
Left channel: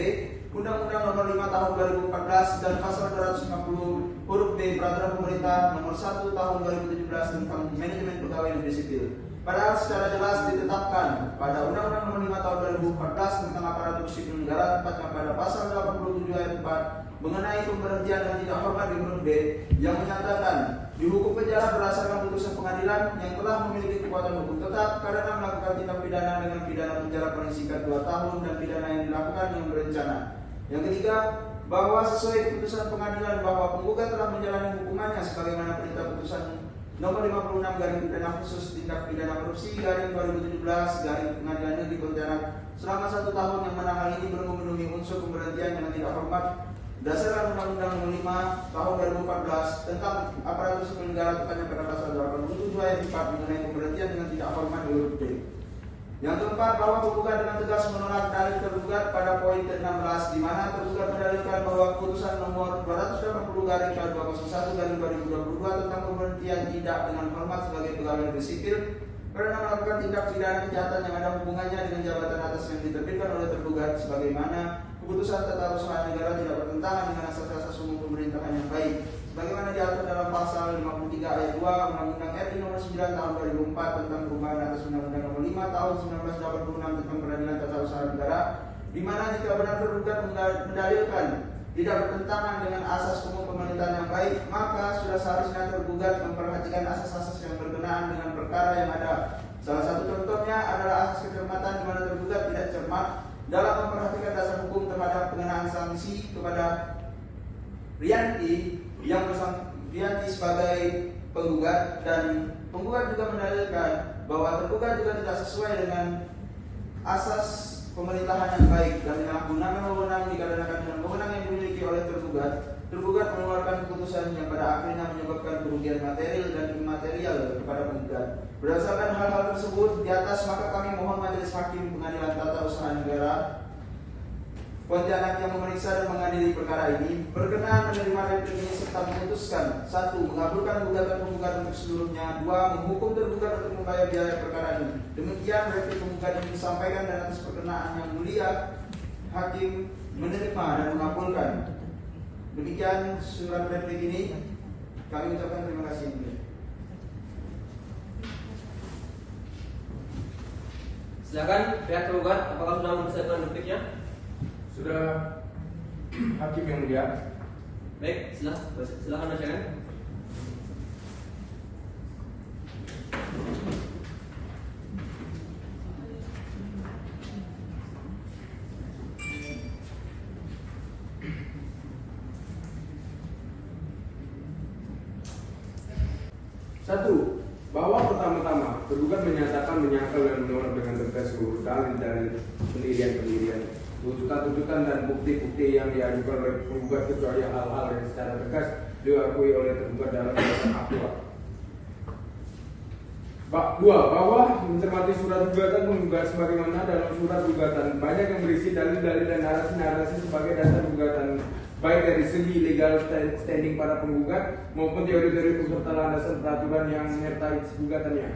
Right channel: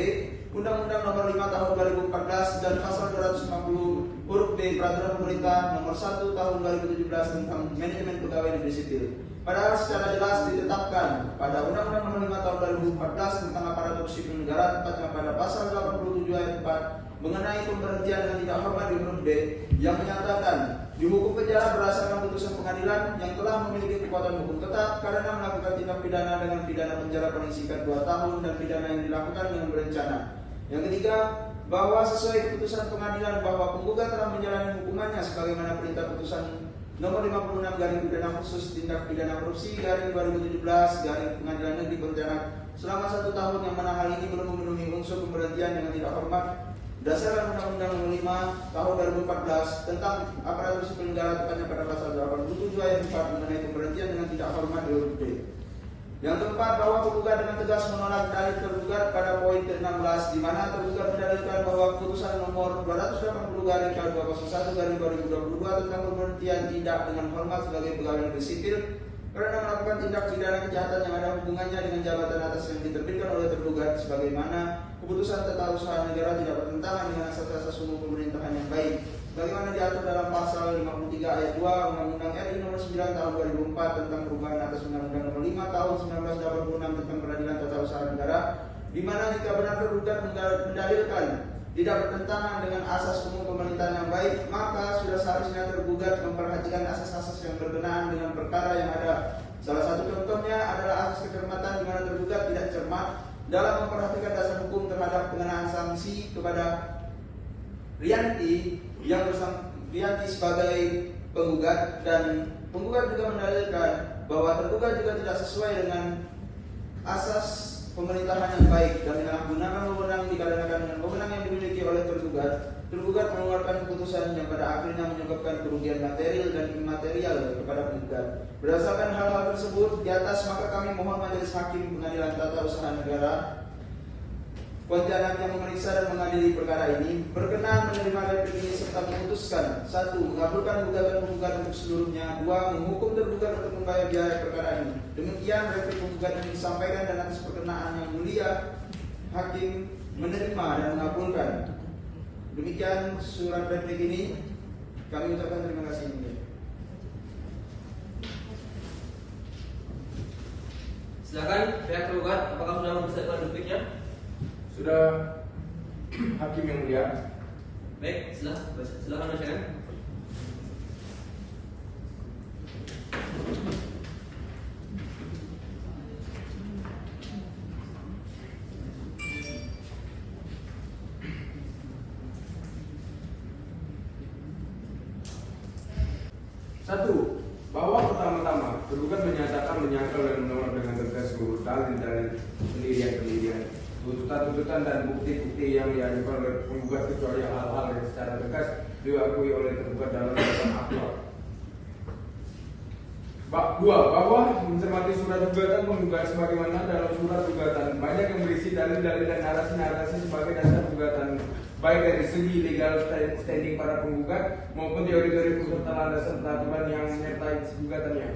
Undang-Undang Nomor 5 Tahun 2014 dan pasal 250 huruf B Peraturan Pemerintah Nomor 1 Tahun 2017 tentang Manajemen Pegawai Negeri Sipil. Padahal secara jelas ditetapkan pada Undang-Undang Nomor 5 Tahun 2014 tentang Aparatur Sipil Negara, tepatnya pada pasal 87 ayat 4 mengenai pemberhentian dengan tidak hormat di huruf B yang menyatakan dihukum penjara berdasarkan putusan pengadilan yang telah memiliki kekuatan hukum tetap karena melakukan tindak pidana dengan pidana penjara paling singkat 2 tahun dan pidana yang dilakukan dengan berencana. Yang ketiga, bahwa sesuai keputusan pengadilan bahwa penggugat telah menjalani hukumannya sebagaimana perintah putusan Nomor 56 garing pidana khusus tindak pidana korupsi garing 2017 garing Pengadilan Negeri Pontianak selama 1 tahun yang mana hal ini belum memenuhi unsur pemberhentian dengan tidak hormat berdasarkan Undang-Undang Nomor 5 Tahun 2014 tentang Aparatur Sipil Negara, tepatnya pada pasal 87 ayat 4 mengenai pemberhentian dengan tidak hormat di huruf D. Yang keempat, bahwa penggugat dengan tegas menolak dalil tergugat pada poin ke-16 di mana tergugat mendalilkan bahwa keputusan nomor 280/K201/2022 tentang pemberhentian tidak dengan hormat sebagai pegawai negeri sipil karena melakukan tindak pidana kejahatan yang ada hubungannya dengan jabatan atas yang diterbitkan oleh tergugat sebagaimana keputusan tata usaha negara tidak bertentangan dengan asas-asas umum pemerintahan yang baik bagaimana diatur dalam pasal 53 ayat 2 Undang-Undang RI Nomor 9 Tahun 2004 tentang perubahan atas Undang-Undang Nomor 5 Tahun 1986 tentang Peradilan Tata Usaha Negara, di mana jika benar tergugat mendalilkan tidak bertentangan dengan asas umum pemerintahan yang baik, maka sudah seharusnya tergugat memperhatikan asas-asas yang berkenaan dengan perkara yang ada. Salah satu contohnya adalah asas kecermatan di mana tergugat tidak cermat dalam memperhatikan dasar hukum terhadap pengenaan sanksi kepada Rianti yang Rianti sebagai penggugat, dan penggugat juga mendalilkan bahwa tergugat juga tidak sesuai dengan asas pemerintahan yang baik dan penyalahgunaan wewenang dikarenakan dengan wewenang yang dimiliki oleh tergugat mengeluarkan keputusan yang pada akhirnya menyebabkan kerugian material dan imaterial kepada penggugat. Berdasarkan hal-hal tersebut di atas, maka kami mohon Majelis Hakim Pengadilan Tata Usaha Negara Pontianak yang memeriksa dan mengadili perkara ini berkenan menerima replik ini serta memutuskan: 1. Mengabulkan gugatan untuk seluruhnya. 2. Menghukum tergugat untuk membayar biaya perkara ini. Demikian replik penggugat ini disampaikan dan atas perkenaan yang mulia Hakim menerima dan mengabulkan. Demikian surat replik ini. Kami ucapkan terima kasih. Silakan pihak tergugat, apakah sudah mempersiapkan repliknya? Sudah, Hakim yang mulia. Baik, silakan bacakan. Satu, bahwa pertama-tama tergugat menyatakan menyangkal dan menolak dengan tegas seluruh dalil pendirian, tuntutan dan bukti-bukti yang diajukan oleh penggugat kecuali hal-hal yang secara tegas diakui oleh tergugat dalam dakwaan aktual. 2. Bahwa mencermati surat gugatan penggugat sebagaimana dalam surat gugatan banyak yang berisi dalil-dalil dan narasi-narasi sebagai dasar gugatan, baik dari segi legal standing para penggugat maupun teori-teori persertaan dasar peraturan yang menyertai gugatannya.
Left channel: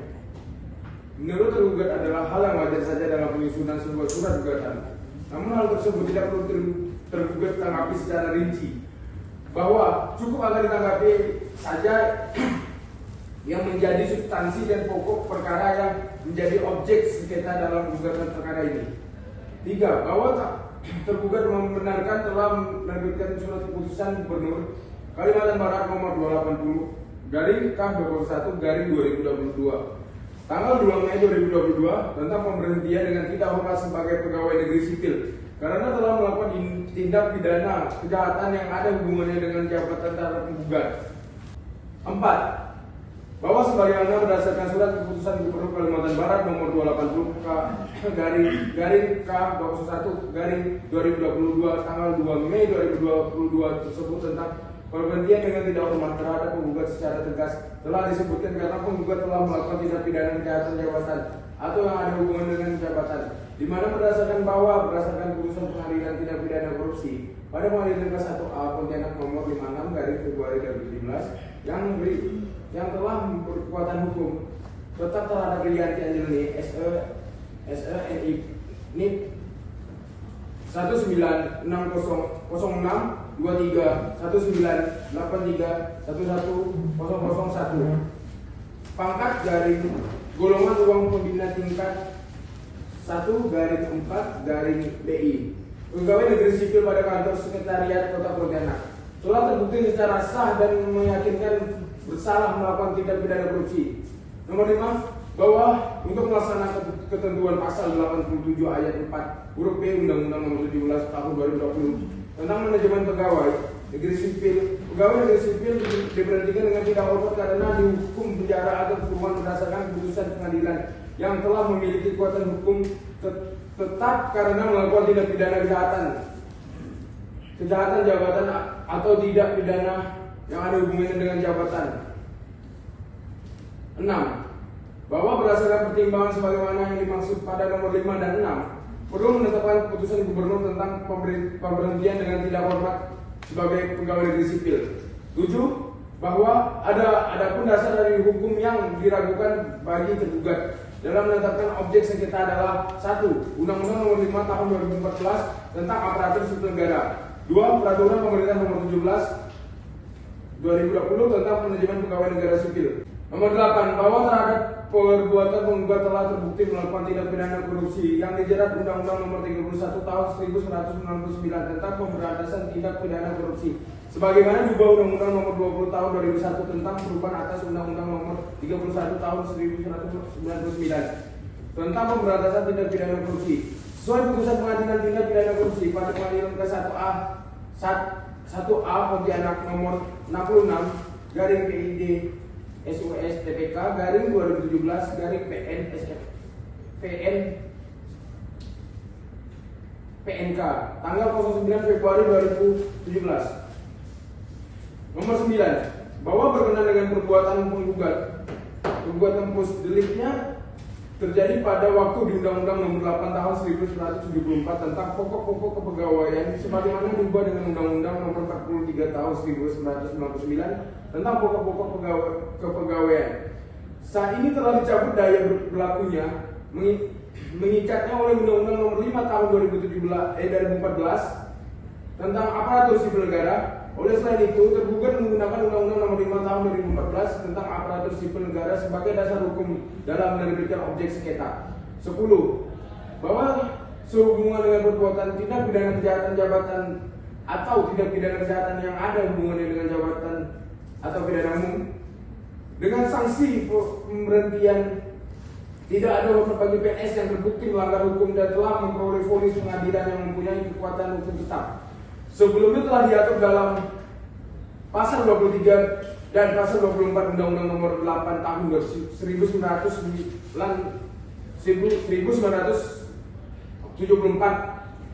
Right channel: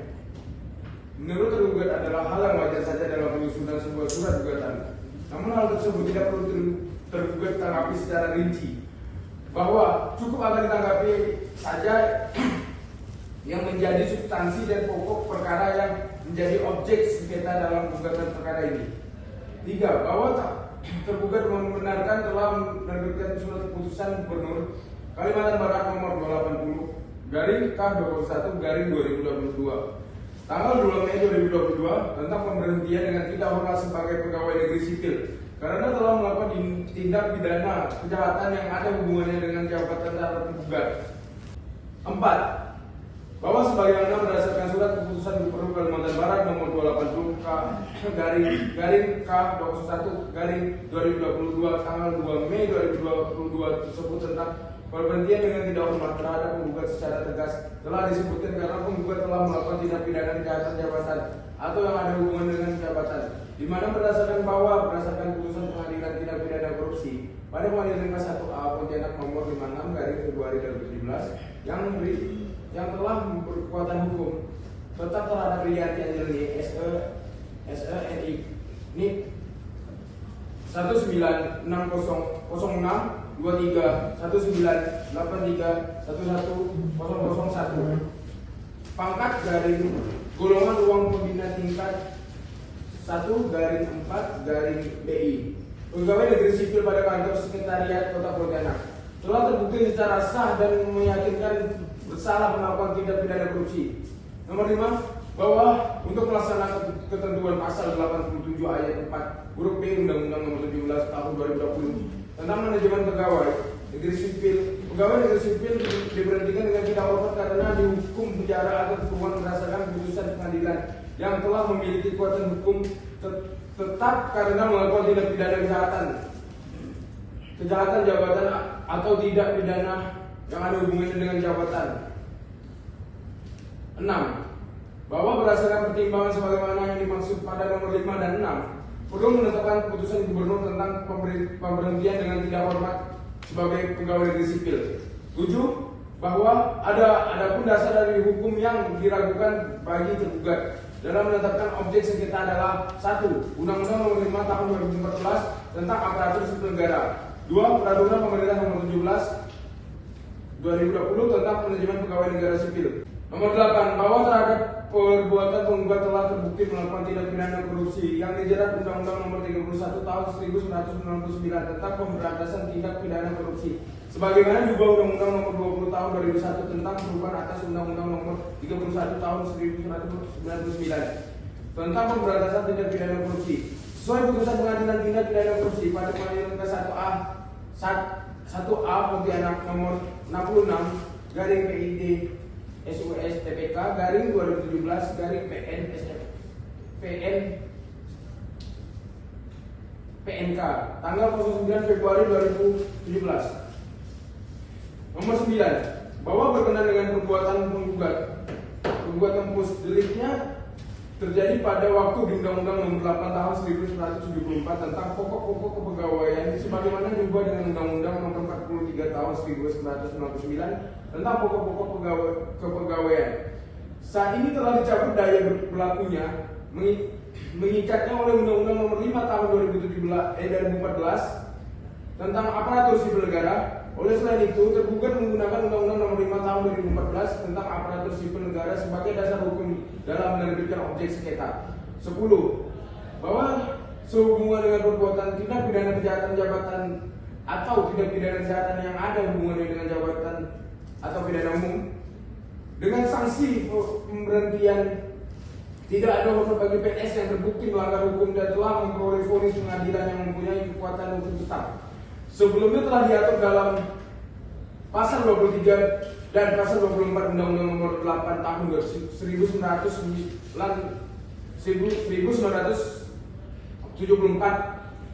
Menurut tergugat adalah hal yang wajar saja dalam penyusunan sebuah surat gugatan. Namun hal tersebut tidak perlu tergugat tanggapi secara rinci, bahwa cukup agar ditanggapi saja yang menjadi substansi dan pokok perkara yang menjadi objek sengketa dalam gugatan perkara ini. 3. Bahwa tergugat membenarkan telah menerbitkan surat keputusan Gubernur Kalimantan Barat nomor 280/K21/2022 tanggal 2 Mei 2022 tentang pemberhentian dengan tidak hormat sebagai pegawai negeri sipil karena telah melakukan tindak pidana kejahatan yang ada hubungannya dengan jabatan terhadap penggugat. 4. Bahwa sebagaimana berdasarkan surat keputusan Gubernur Kalimantan Barat nomor 280/K21/2022 tanggal 2 Mei 2022 tersebut tentang Pemberhentian dengan tidak hormat terhadap penggugat secara tegas telah disebutkan karena penggugat telah melakukan tindak pidana kejahatan jabatan atau yang ada hubungan dengan jabatan, di mana berdasarkan putusan pengadilan tindak pidana korupsi pada pengadilan kelas 1A Pontianak nomor 56 garis Februari 2017 yang telah berkekuatan hukum tetap terhadap Rianti Angelini SENI NIK 196006 23 1983 11001 pangkat garing golongan uang pembina tingkat 1 garing 4 garing BI pegawai negeri sipil pada kantor sekretariat Kota Pontianak telah terbukti secara sah dan meyakinkan bersalah melakukan tindak pidana korupsi. Nomor 5, bahwa untuk melaksanakan ketentuan pasal 87 ayat 4 huruf B Undang-Undang Nomor 17 Tahun 2020 tentang manajemen pegawai negeri sipil, pegawai negeri sipil diberhentikan dengan tidak hormat karena dihukum penjara atau kurungan berdasarkan putusan pengadilan yang telah memiliki kekuatan hukum tetap karena melakukan tindak pidana kejahatan jabatan atau tidak pidana yang ada hubungannya dengan jabatan. 6. Bahwa berdasarkan pertimbangan sebagaimana yang dimaksud pada nomor 5 dan 6 perlu menetapkan keputusan gubernur tentang pemberhentian dengan tidak hormat sebagai pegawai negeri sipil. 7. Bahwa ada pun dasar dari hukum yang diragukan bagi tergugat dalam menetapkan objek sengketa adalah 1. Undang-Undang Nomor 5 Tahun 2014 tentang aparatur sipil negara. 2. Peraturan Pemerintah Nomor 17 2020 tentang manajemen pegawai negara sipil. Nomor 8. Bahwa terhadap perbuatan penggugat telah terbukti melakukan tindak pidana korupsi yang dijerat Undang-Undang Nomor 31 Tahun 1999 tentang pemberantasan tindak pidana korupsi, sebagaimana diubah Undang-Undang Nomor 20 Tahun 2001 tentang perubahan atas Undang-Undang Nomor 31 Tahun 1999 tentang pemberantasan tindak pidana korupsi, sesuai putusan pengadilan tindak pidana korupsi pada pengadilan ke 1A Pontianak Nomor 66 garing PID SUS TPK garing 2017 garing PNK tanggal 09 Februari 2017. Nomor 9. Bahwa berkenaan dengan perbuatan perbuatan post deliknya terjadi pada waktu di Undang-Undang Nomor 8 Tahun 1974 tentang pokok-pokok kepegawaian sebagaimana diubah dengan Undang-Undang Nomor 43 Tahun 1999 tentang pokok-pokok kepegawaian. Saat ini telah dicabut daya berlakunya mengikatnya oleh Undang-Undang Nomor 5 Tahun 2014 tentang aparatur sipil negara. Oleh selain itu, tergugat menggunakan Undang-Undang Nomor 5 Tahun 2014 tentang aparatur sipil negara sebagai dasar hukum dalam menerbitkan objek sengketa. 10. Bahwa sehubungan dengan perbuatan tindak pidana kejahatan jabatan atau tindak pidana kejahatan yang ada hubungannya dengan jabatan atau pidana umum dengan sanksi pemberhentian tidak ada bagi PNS yang terbukti melanggar hukum dan telah memperoleh vonis pengadilan yang mempunyai kekuatan hukum tetap. Sebelumnya telah diatur dalam pasal 23 dan pasal 24 Undang-Undang Nomor 8 Tahun 1974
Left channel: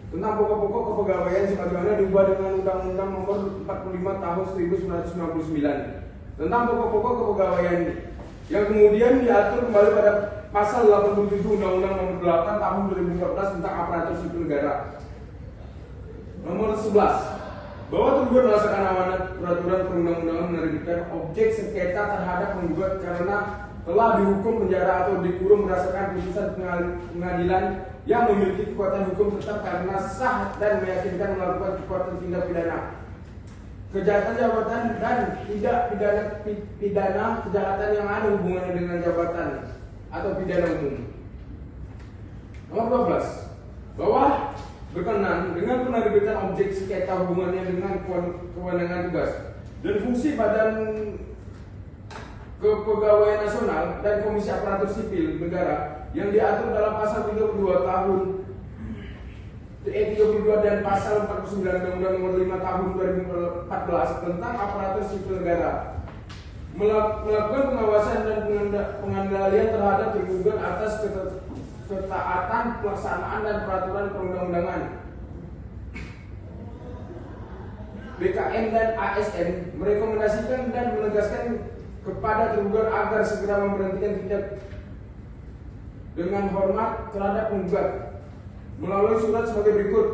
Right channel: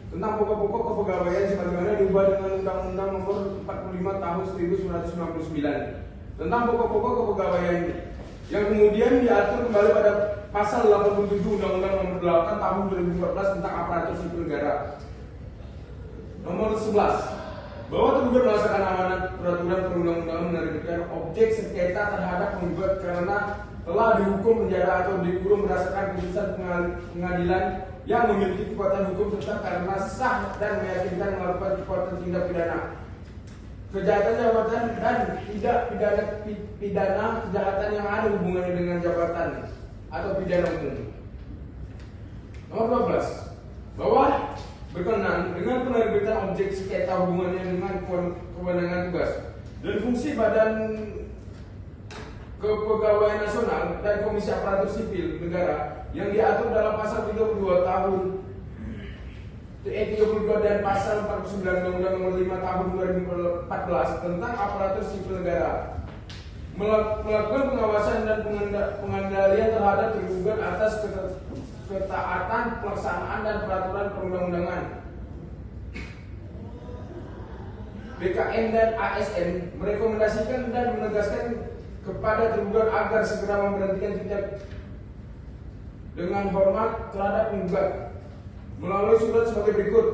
tentang pokok-pokok kepegawaian sebagaimana diubah dengan Undang-Undang Nomor 45 Tahun 1999 tentang pokok-pokok kepegawaian yang kemudian diatur kembali pada pasal 87 Undang-Undang Nomor 8 Tahun 2014 tentang aparatur sipil negara. Nomor 11. Bahwa tergugat berdasarkan amanat peraturan perundang-undangan menerbitkan objek sengketa terhadap penggugat karena telah dihukum penjara atau dikurung berdasarkan putusan pengadilan yang memiliki kekuatan hukum tetap karena sah dan meyakinkan melakukan kekuatan tindak pidana kejahatan jabatan dan tidak pidana kejahatan yang ada hubungannya dengan jabatan atau pidana umum. Nomor 12. Bahwa berkenaan dengan penerbitan objek sengketa hubungannya dengan kewenangan tugas dan fungsi Badan Kepegawaian Nasional dan Komisi Aparatur Sipil Negara yang diatur dalam pasal 32 dan pasal 49 Undang-Undang Nomor 5 Tahun 2014 tentang aparatur sipil negara, melakukan pengawasan dan pengendalian terhadap tergugat atas ketaatan pelaksanaan dan peraturan perundang-undangan BKN dan ASN merekomendasikan dan menegaskan kepada tergugat agar segera memberhentikan tindak dengan hormat terhadap penggugat melalui surat sebagai berikut.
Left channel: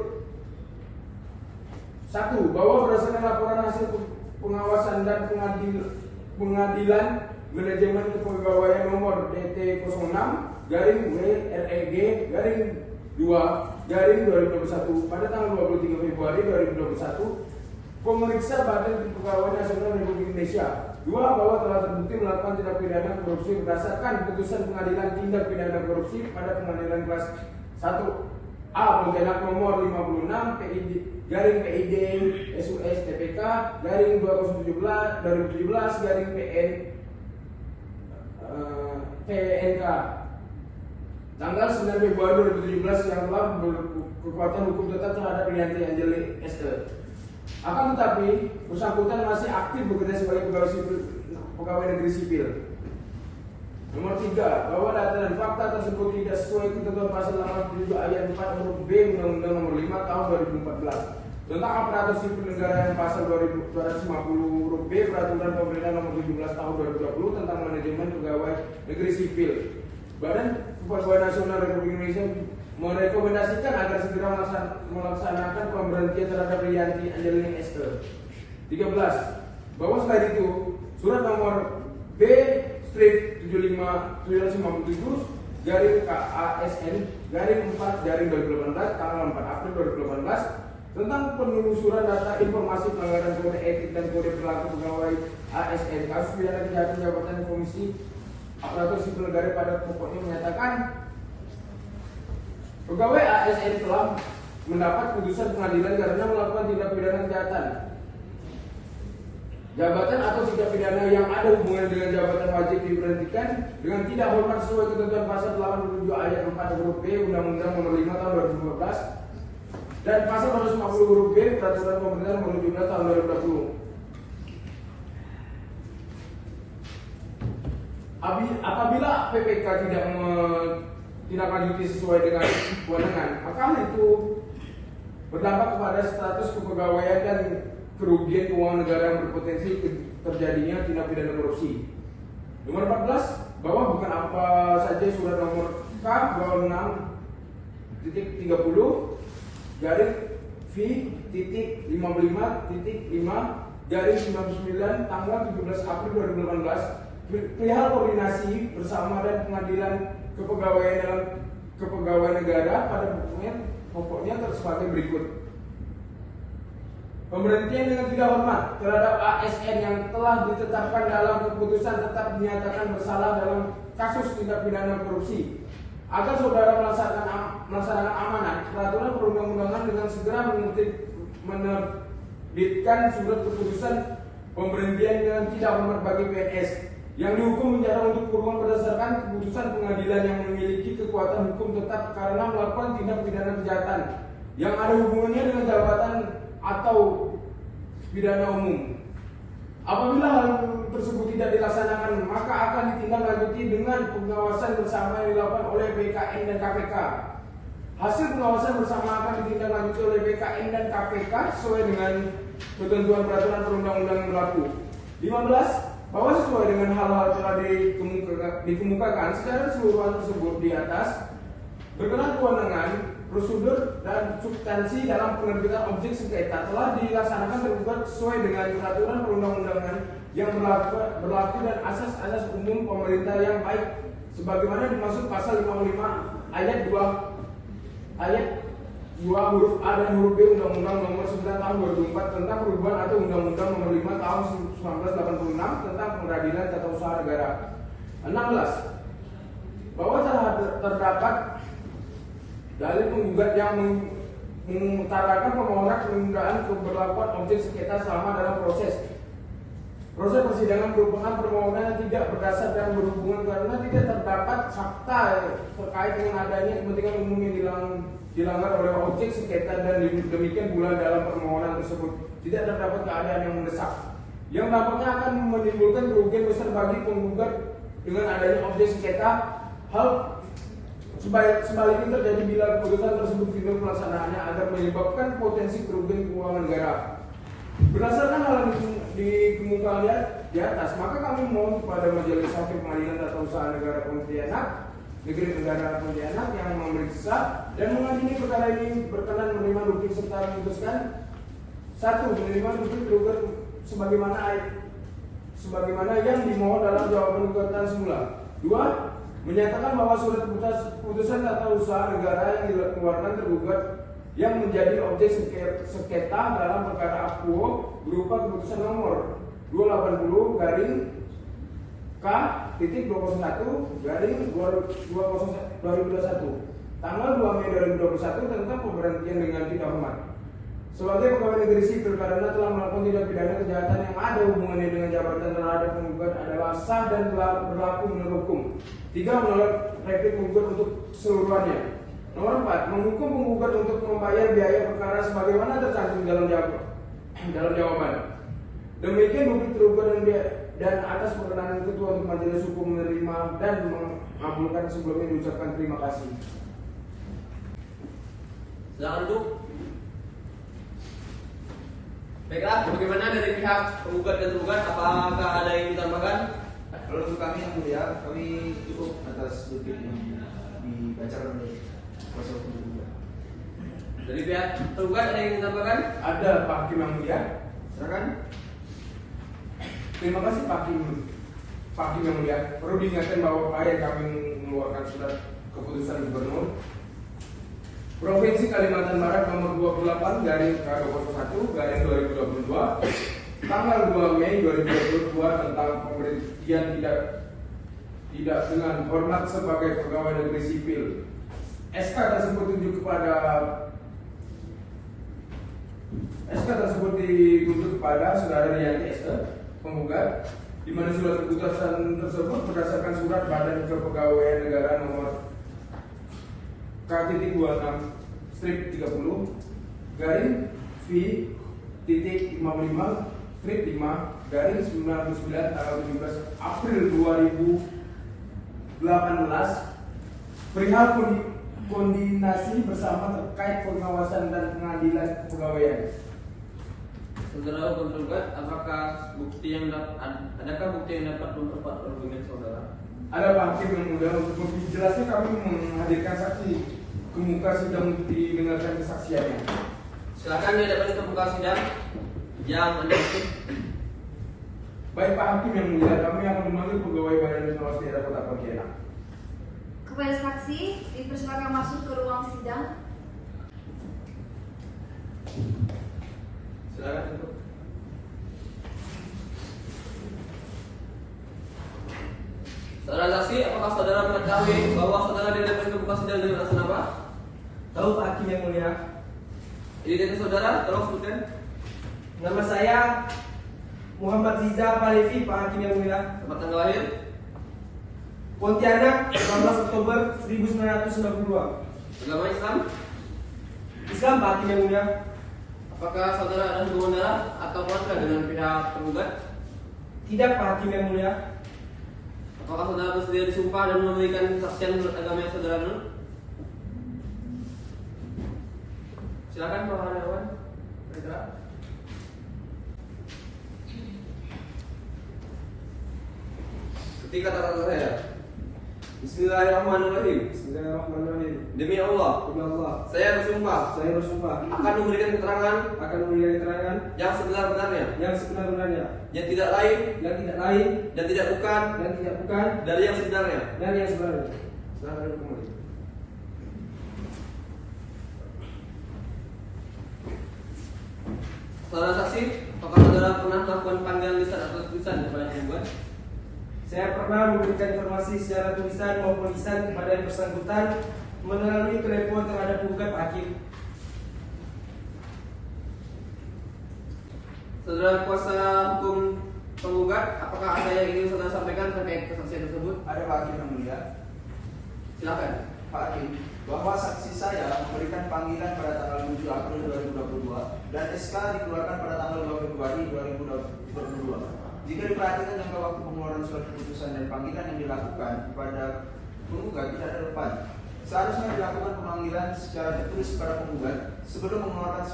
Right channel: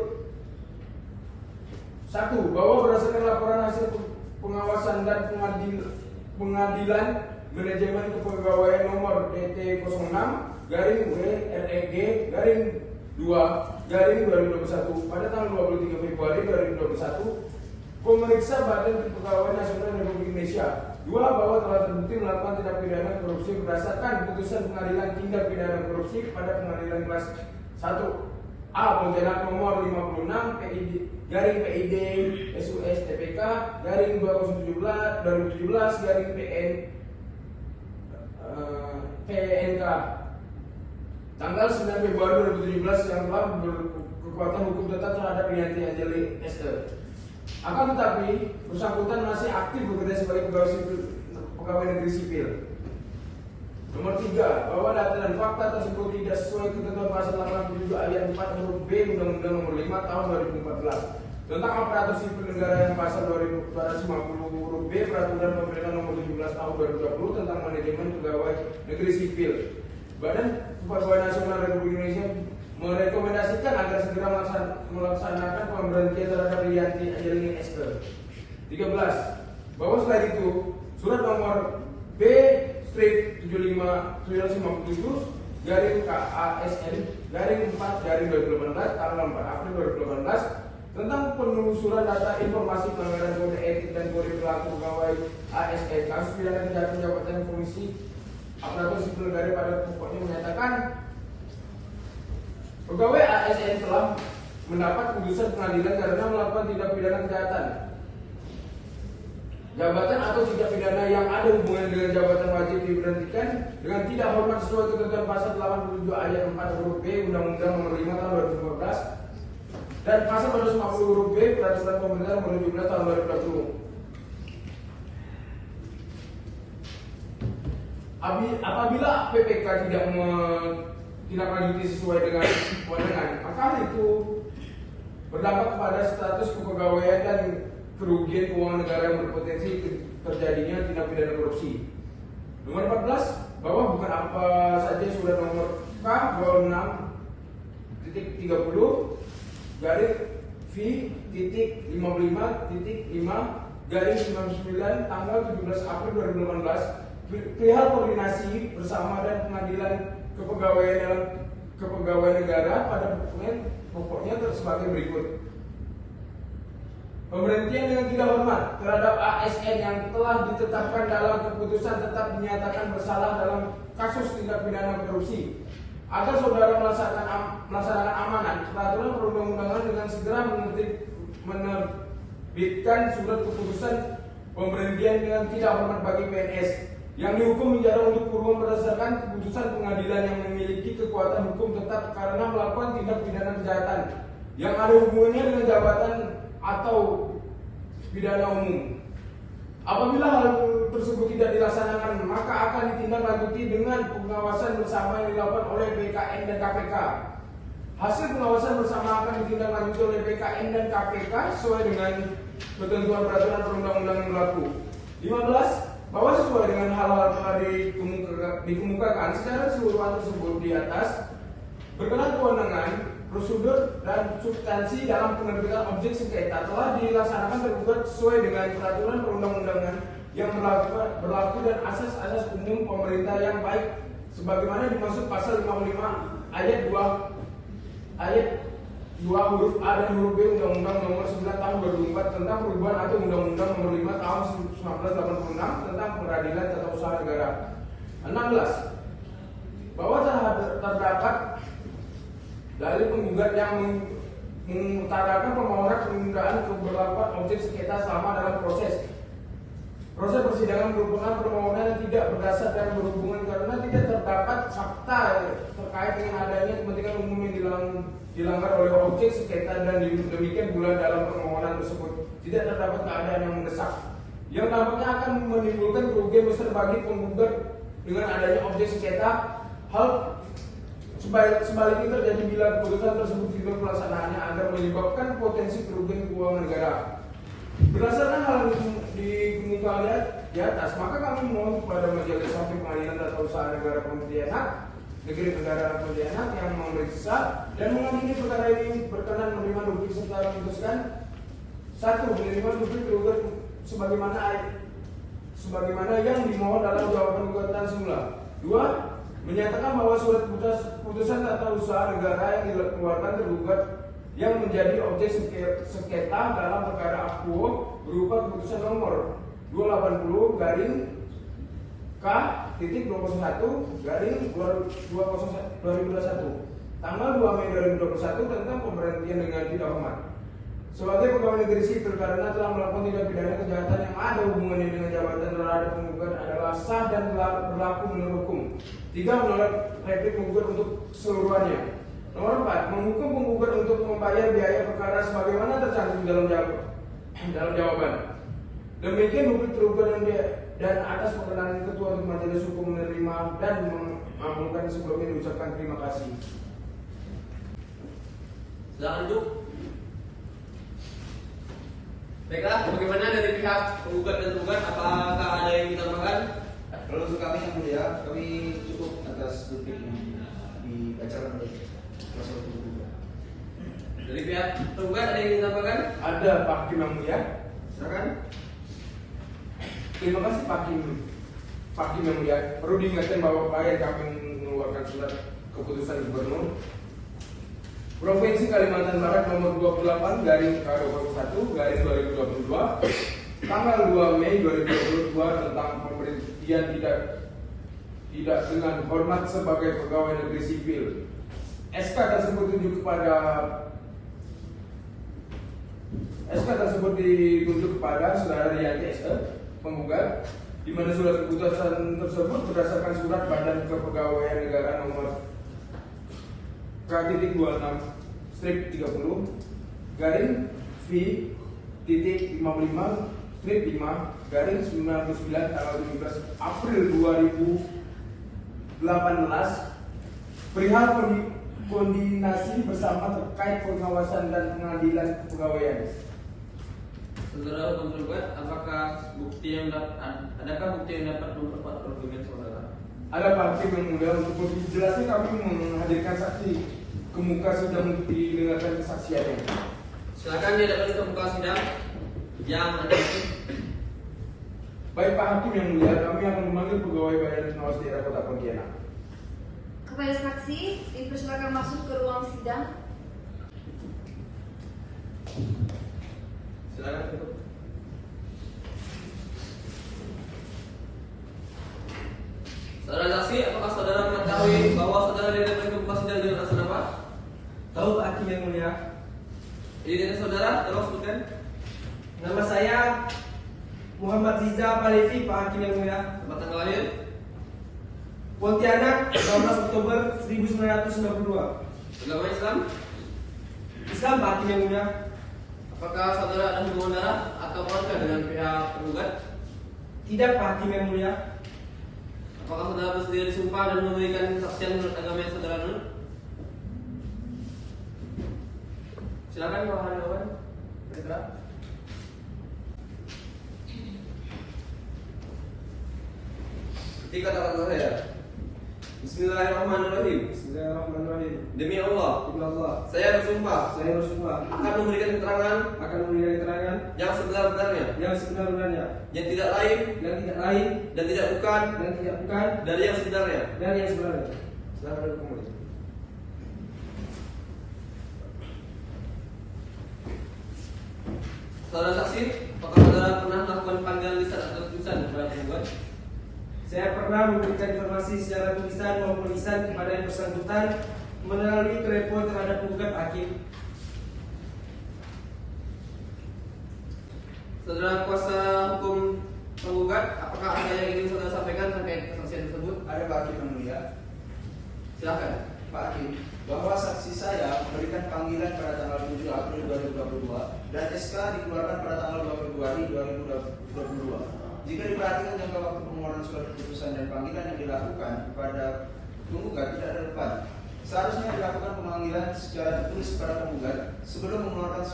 1. Bahwa berdasarkan laporan hasil pengawasan dan pengadilan manajemen kepegawaian nomor PT 06-WREG-2-2021 pada tanggal 23 Februari 2021 pemeriksa Badan Kepegawaian Nasional Republik Indonesia. 2. Bahwa telah terbukti melakukan tindak pidana korupsi berdasarkan putusan pengadilan tindak pidana korupsi pada pengadilan kelas 1 A Pontianak nomor 56 PID SUS TPK /2017 PNK tanggal 9 Februari 2017 yang telah berkekuatan hukum tetap terhadap Rianti Anjeli SE. Akan tetapi bersangkutan masih aktif bekerja sebagai pegawai negeri sipil. Nomor 3, bahwa data dan fakta tersebut tidak sesuai ketentuan pasal 87 ayat 4 huruf B Undang-Undang Nomor 5 Tahun 2014 tentang aparatur sipil negara yang pasal 250 huruf B Peraturan Pemerintah Nomor 17 Tahun 2020 tentang manajemen pegawai negeri sipil. Badan Kepegawaian Nasional Republik Indonesia merekomendasikan agar segera melaksanakan pemberhentian terhadap Rianti Angelini SE. 13. Bahwa selain itu surat nomor B/75/957 garing KASN garing 4 garing 2018 tanggal 4 April 2018 tentang penelusuran data informasi pelanggaran kode etik dan kode perilaku pegawai ASN kasus pidana kejahatan jabatan komisi aparatur sipil negara pada pokoknya menyatakan pegawai ASN telah mendapat putusan pengadilan karena melakukan tindak pidana kejahatan jabatan atau tindak pidana yang ada hubungan dengan jabatan wajib diberhentikan dengan tidak hormat sesuai ketentuan pasal 87 ayat 4 huruf B Undang-Undang Nomor 5 Tahun 2015 dan pasal 250 huruf B Peraturan Pemerintah Nomor 17 Tahun 2020. Apabila PPK tidak lanjuti sesuai dengan kewenangan, maka hal itu berdampak kepada status kepegawaian dan kerugian keuangan negara yang berpotensi terjadinya tindak pidana korupsi. Nomor 14, bahwa bukan apa saja surat nomor K26.30 garing V.55.5 tanggal 17 April 2018 perihal koordinasi bersama dan pengadilan kepegawaian negara pada pokoknya sebagai berikut. Pemberhentian dengan tidak hormat terhadap ASN yang telah ditetapkan dalam keputusan tetap dinyatakan bersalah dalam kasus tindak pidana korupsi. Agar saudara melaksanakan amanat peraturan perundang-undangan dengan segera menerbitkan surat keputusan pemberhentian dengan tidak hormat bagi PNS yang dihukum penjara untuk kurungan berdasarkan keputusan pengadilan yang memiliki kekuatan hukum tetap karena melakukan tindak pidana kejahatan yang ada hubungannya dengan jabatan atau pidana umum. Apabila hal tersebut tidak dilaksanakan, maka akan ditindaklanjuti dengan pengawasan bersama yang dilakukan oleh BKN dan KPK. Hasil pengawasan bersama akan ditindaklanjuti oleh BKN dan KPK sesuai dengan ketentuan peraturan perundang-undangan yang berlaku. 15. Bahwa sesuai dengan hal-hal telah dikemukakan secara keseluruhan tersebut di atas, berkenan kewenangan, prosedur dan substansi dalam penerbitan objek sengketa telah dilaksanakan tergugat sesuai dengan peraturan perundang-undangan yang berlaku dan asas-asas umum pemerintah yang baik sebagaimana dimaksud pasal 55 ayat 2 huruf A dan huruf B Undang-Undang Nomor 9 Tahun 2004 tentang perubahan atau Undang-Undang Nomor 5 Tahun 1986 tentang Peradilan Tata Usaha Negara. 16. Bahwa terdapat dari penggugat yang mengutarakan permohonan penundaan keberlakuan objek sengketa selama dalam proses persidangan merupakan permohonan yang tidak berdasar dan berhubungan karena tidak terdapat fakta terkait dengan adanya kepentingan umum yang dilanggar oleh objek sengketa dan demikian pula dalam permohonan tersebut tidak terdapat keadaan yang mendesak yang dampaknya akan menimbulkan kerugian besar bagi penggugat dengan adanya objek sengketa. Hal sebaliknya terjadi bila keputusan tersebut tidak pelaksanaannya agar menyebabkan potensi kerugian keuangan negara. Berdasarkan hal dikemukakan di atas, maka kami mohon kepada Majelis Hakim Pengadilan Tata Usaha Negara Pontianak, Negeri Kendaraan Pontianak yang memeriksa dan mengadili perkara ini berkenan menerima bukti serta memutuskan: 1. Menerima bukti tergugat sebagaimana yang dimohon dalam jawaban gugatan semula. 2. Menyatakan bahwa surat putusan tata usaha negara yang dikeluarkan tergugat yang menjadi objek sengketa dalam perkara akuo berupa keputusan nomor 280 garing K titik 21 garing 2021 tanggal 2 Mei 2021 tentang pemberhentian dengan tidak hormat sebagai pegawai negeri sipil karena telah melakukan tindak pidana kejahatan yang ada hubungannya dengan jabatan terhadap penggugat adalah sah dan berlaku menurut hukum. 3. Menolak replik penggugat untuk keseluruhannya. Nomor 4. Menghukum penggugat untuk membayar biaya perkara sebagaimana tercantum dalam jawaban. Demikian bukti tergugat dan atas perkenan Ketua Majelis Hukum menerima dan mengabulkan sebelumnya diucapkan terima kasih. Silakan duduk. Baiklah, bagaimana dari pihak penggugat dan tergugat? Apakah ada yang ditambahkan? Kalau untuk kami yang mulia, kami cukup atas duplik ini dibacakan oleh kuasa hukum penggugat. Dari pihak tergugat ada yang ditambahkan? Ada Pak Hakim yang mulia. Silakan. Terima kasih Pak Hakim yang mulia. Perlu diingatkan bahwa upaya kami mengeluarkan surat keputusan Gubernur Provinsi Kalimantan Barat nomor 28 garing K21 garing 2022 tanggal 2 Mei 2022 tentang pemberhentian tidak dengan hormat sebagai pegawai negeri sipil. SK tersebut ditunjuk kepada Saudara Rianti SK penggugat, di mana surat keputusan tersebut berdasarkan surat Badan Kepegawaian Negara nomor K.26/30 garing V.55/5 garing 99 tanggal 17 April 2018 perihal koordinasi bersama terkait pengawasan dan pengadilan kepegawaian. Saudara tergugat, adakah bukti yang dapat memperkuat argumen saudara? Ada Pak Hakim yang mulia, untuk lebih jelasnya kami menghadirkan saksi ke muka sidang untuk didengarkan kesaksiannya. Silakan dihadapkan ke muka sidang yang Anda maksud. Baik Pak Hakim yang mulia, kami akan memanggil pegawai Badan Pengawas Daerah Kota Pontianak. Kepada saksi, dipersilakan masuk ke ruang sidang. Silakan duduk. Saudara saksi, apakah saudara mengetahui bahwa saudara dihadapkan ke muka sidang dengan alasan apa? Tahu Pak Hakim yang mulia, Identitas saudara, tolong sebutkan. nama saya Muhammad Riza Palevi, Pak Hakim yang mulia. Tempat tanggal lahir, Pontianak, 12 Oktober 1992. agama Islam. Islam, Pak Hakim yang mulia. Apakah saudara ada hubungan darah atau keluarga dengan pihak tergugat? Tidak, Pak Hakim yang mulia. Apakah saudara bersedia disumpah dan memberikan kesaksian menurut agama yang saudara anut? Silakan Pak Haryawan. Bergerak. Ketika kata saya, Bismillahirrahmanirrahim. Bismillahirrahmanirrahim. Demi Allah, Demi Allah, saya bersumpah saya bersumpah akan memberikan keterangan akan memberikan keterangan yang sebenar-benarnya, yang sebenar-benarnya, yang tidak lain yang tidak lain dan tidak bukan dan tidak bukan dari yang sebenarnya. dari yang sebenarnya. Silakan kembali. Saudara saksi, apakah saudara pernah melakukan panggilan lisan atau tulisan kepada penggugat? Saya pernah memberikan informasi secara tulisan maupun lisan kepada yang bersangkutan melalui telepon terhadap penggugat Pak Hakim. Saudara kuasa hukum penggugat, apakah ada yang ingin saudara sampaikan terkait kesaksian tersebut? Ada Pak Hakim yang mulia. Silakan. Pak Hakim, bahwa saksi saya memberikan panggilan pada tanggal 7 April 2022 dan SK dikeluarkan pada tanggal 2 Februari 2022. Jika diperhatikan jangka waktu pengeluaran surat keputusan dan panggilan yang dilakukan kepada penggugat tidak relevan, Seharusnya dilakukan pemanggilan secara tertulis pada penggugat sebelum mengeluarkan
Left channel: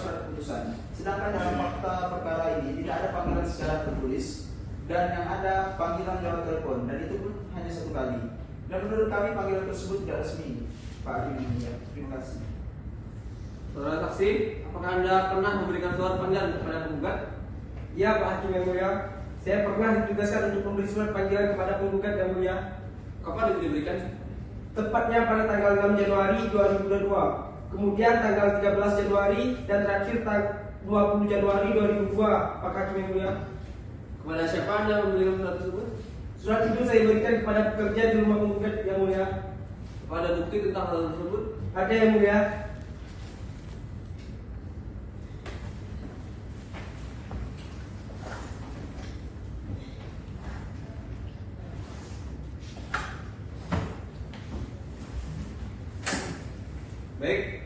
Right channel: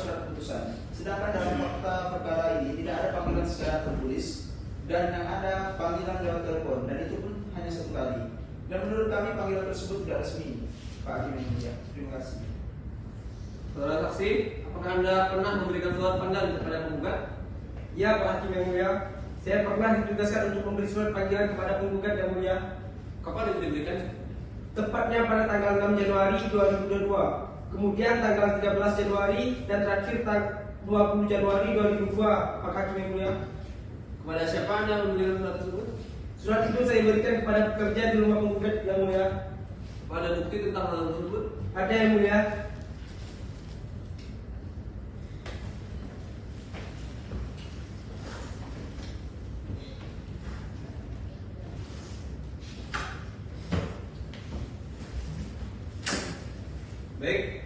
surat keputusan. Sedangkan dalam fakta perkara ini tidak ada panggilan secara tertulis dan yang ada panggilan lewat telepon, dan itu pun hanya 1 kali. Dan menurut kami panggilan tersebut tidak resmi. Pak Hakim yang mulia, terima kasih. Saudara saksi, apakah Anda pernah memberikan surat panggilan kepada penggugat? Ya, Pak Hakim yang mulia. Saya pernah ditugaskan untuk memberi surat panggilan kepada penggugat yang mulia. Kapan itu diberikan? Tepatnya pada tanggal 6 Januari 2022. Kemudian tanggal 13 Januari dan terakhir 20 Januari 2002, Pak Hakim yang mulia. Kepada siapa Anda memberikan surat tersebut? Surat itu saya berikan kepada pekerja di rumah penggugat yang mulia. Pada bukti tentang hal tersebut? Ada yang mulia. Baik.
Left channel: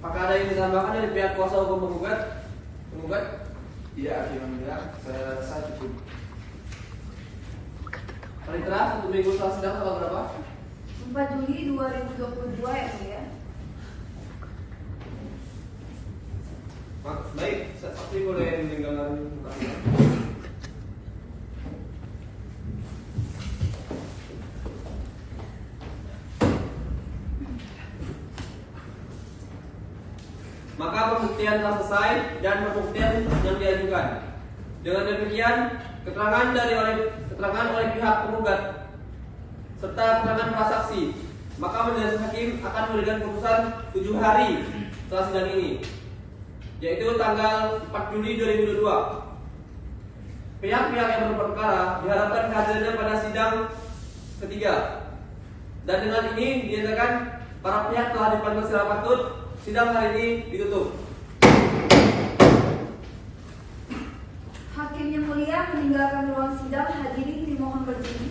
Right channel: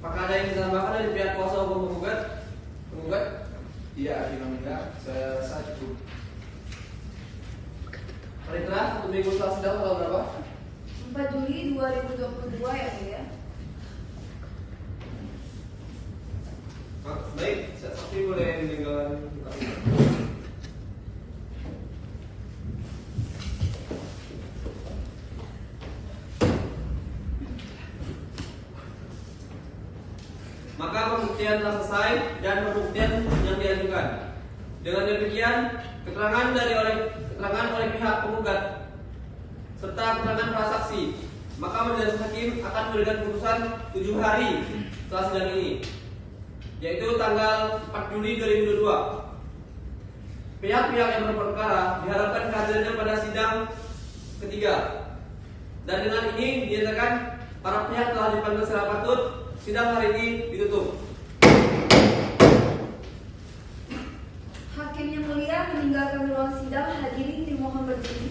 Apakah ada yang ditambahkan dari pihak kuasa hukum penggugat? Penggugat? Iya, Hakim yang mulia, saya rasa cukup. Panitera, 1 minggu setelah sidang tanggal berapa? 4 Juli 2022 ya mulia. Baik, saksi boleh meninggalkan muka sidang. Maka pembuktian telah selesai dan pembuktian yang diajukan. Dengan demikian, keterangan oleh pihak penggugat serta keterangan prasaksi, maka majelis hakim akan memberikan putusan 7 hari setelah sidang ini, yaitu tanggal 4 Juli 2022. Pihak-pihak yang berperkara diharapkan kehadirannya pada sidang ketiga. Dan dengan ini dinyatakan para pihak telah dipanggil secara patut. Sidang hari ini ditutup. Hakim yang mulia meninggalkan ruang sidang, hadirin dimohon berdiri.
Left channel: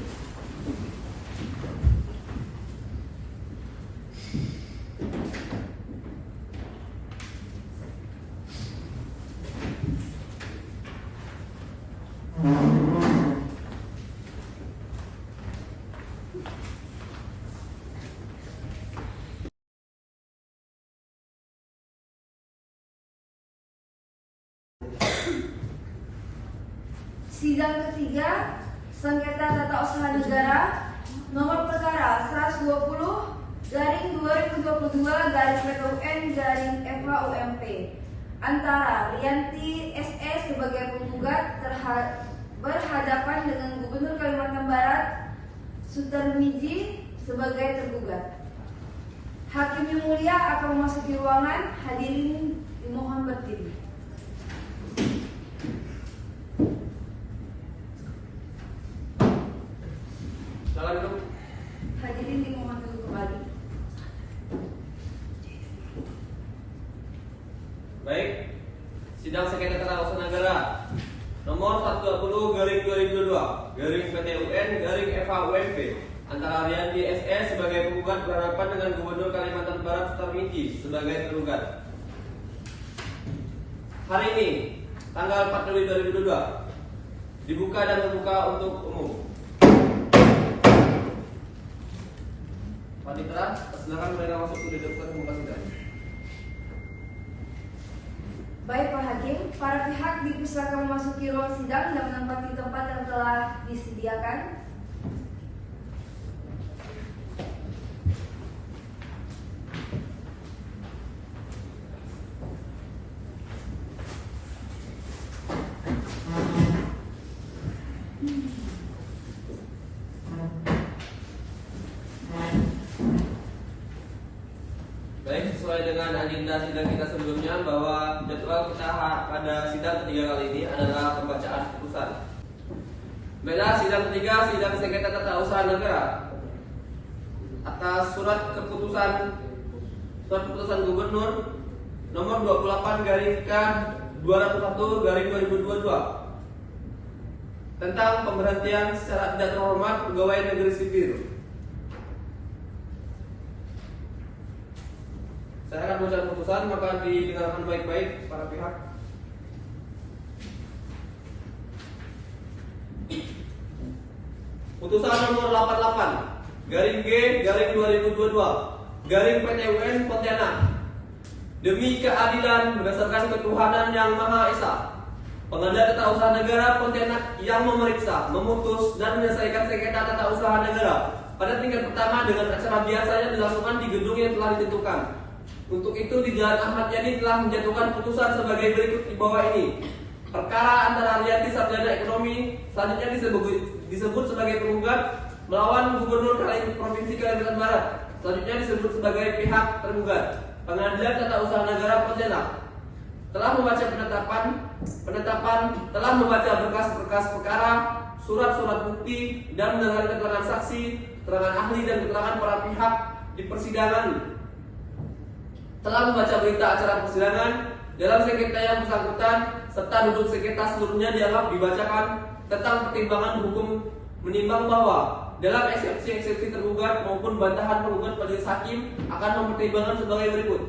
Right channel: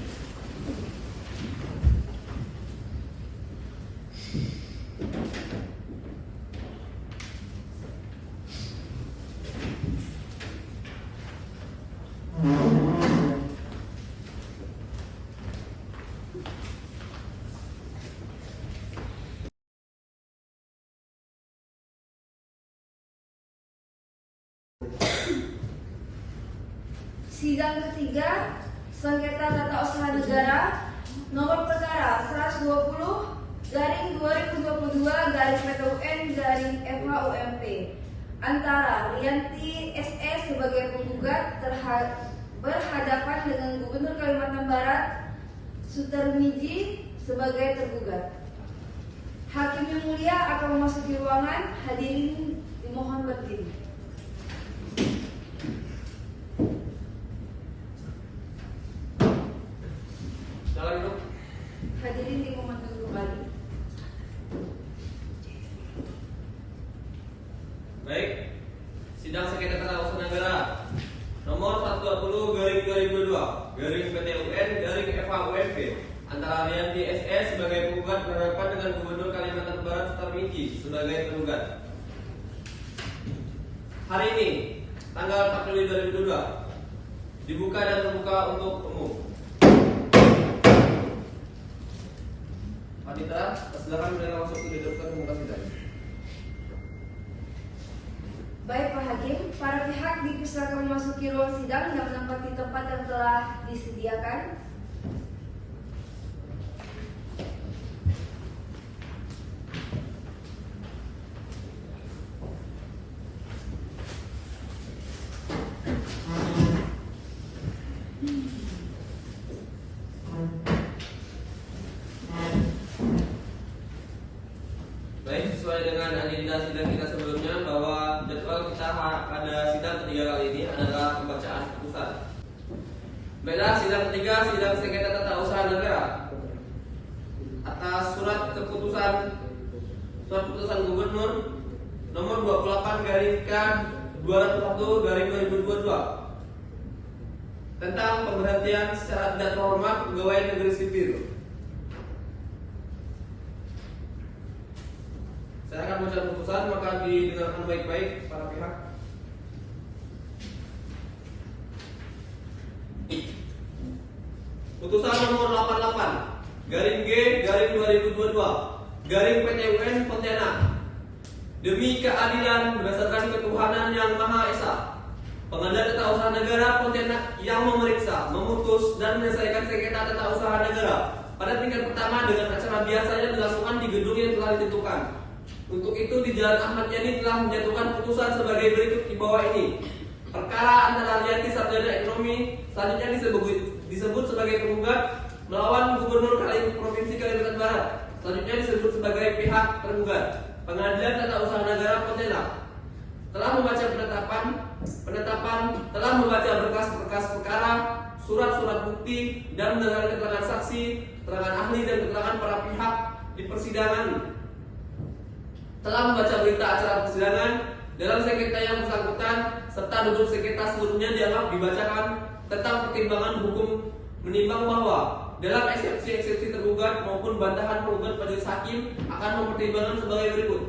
Sidang ketiga, sengketa tata usaha negara, nomor perkara 120/2022/PTUN/FHUMP antara Rianti SE sebagai penggugat berhadapan dengan Gubernur Kalimantan Barat Sutarmiji sebagai tergugat. Hakim yang mulia akan memasuki ruangan, hadirin dimohon berdiri. Silakan duduk. Hadirin dimohon duduk kembali. Baik. Sidang sengketa tata usaha negara nomor 120/2022/PTUN/FHUMP antara Rianti SE sebagai penggugat berhadapan dengan Gubernur Kalimantan Barat Sutarmiji sebagai tergugat. Hari ini, tanggal 4 Juli 2022, dibuka dan terbuka untuk umum. Panitera, silakan mereka masuk ke depan muka sidang. Baik Pak Hakim, para pihak dipersilakan memasuki ruang sidang dan menempati tempat yang telah disediakan. Baik, sesuai dengan agenda sidang kita sebelumnya bahwa jadwal kita pada sidang ketiga kali ini adalah pembacaan putusan. Baiklah, sidang ketiga, sidang sengketa tata usaha negara atas surat keputusan Gubernur nomor 28/K201/2022 tentang pemberhentian secara tidak terhormat pegawai negeri sipil. Saya akan baca putusan, maka didengarkan baik-baik para pihak. Putusan nomor 88 garing G garing 2022 garing PT UN Pontianak. Demi keadilan berdasarkan ketuhanan yang Maha Esa, Pengadilan Tata Usaha Negara Pontianak yang memeriksa, memutus, dan menyelesaikan sengketa tata usaha negara pada tingkat pertama dengan acara biasanya dilangsungkan di gedung yang telah ditentukan. Untuk itu di Jalan Ahmad Yani telah menjatuhkan putusan sebagai berikut di bawah ini. Perkara antara Arianti Sarjana Ekonomi selanjutnya disebut sebagai penggugat melawan Gubernur Provinsi Kalimantan Barat, selanjutnya disebut sebagai pihak tergugat. Pengadilan Tata Usaha Negara Pontianak telah membaca telah membaca berkas-berkas perkara, surat-surat bukti, dan mendengar keterangan saksi, keterangan ahli, dan keterangan para pihak di persidangan. Telah membaca berita acara persidangan dalam sengketa yang bersangkutan serta duduk sengketa seluruhnya dianggap dibacakan tentang pertimbangan hukum, menimbang bahwa dalam eksepsi tergugat maupun bantahan penggugat majelis hakim akan mempertimbangkan sebagai berikut:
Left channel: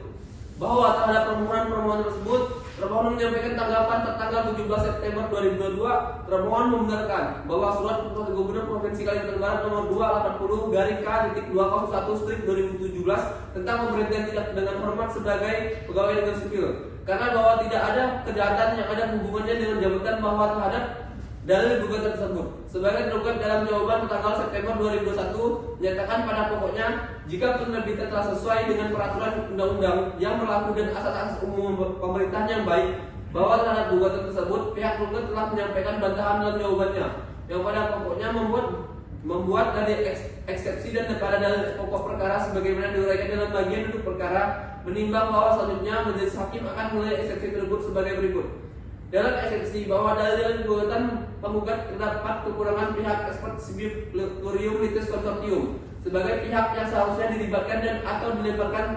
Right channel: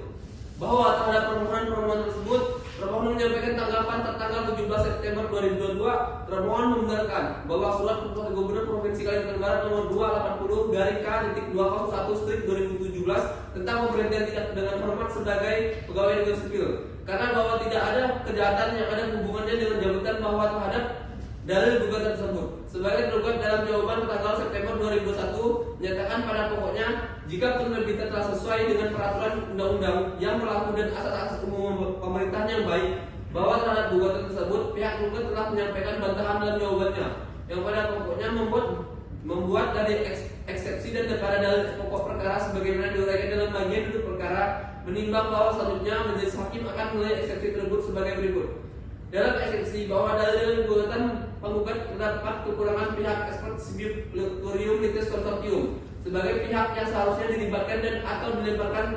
bahwa terhadap permohonan tersebut termohon menyampaikan tanggapan tertanggal 17 September 2022. Termohon membenarkan bahwa surat keputusan Gubernur Provinsi Kalimantan Barat nomor 280 garing K.201/2017 tentang pemberhentian tidak dengan hormat sebagai pegawai negeri sipil, karena bahwa tidak ada kejahatan yang ada hubungannya dengan jabatan bahwa terhadap dalil gugatan tersebut. Sebagai tergugat dalam jawaban tanggal September 2021 menyatakan pada pokoknya jika penerbitan telah sesuai dengan peraturan undang-undang yang berlaku dan asas-asas umum pemerintahan yang baik, bahwa terhadap gugatan tersebut pihak tergugat telah menyampaikan bantahan dalam jawabannya yang pada pokoknya membuat dari eksepsi dan pada dalil pokok perkara sebagaimana diuraikan dalam bagian duduk perkara, menimbang bahwa selanjutnya majelis hakim akan menilai eksepsi tersebut sebagai berikut. Dalam eksepsi bahwa dalil gugatan penggugat terdapat kekurangan pihak expert sibuk laboratorium litis konsortium sebagai pihak yang seharusnya dilibatkan dan atau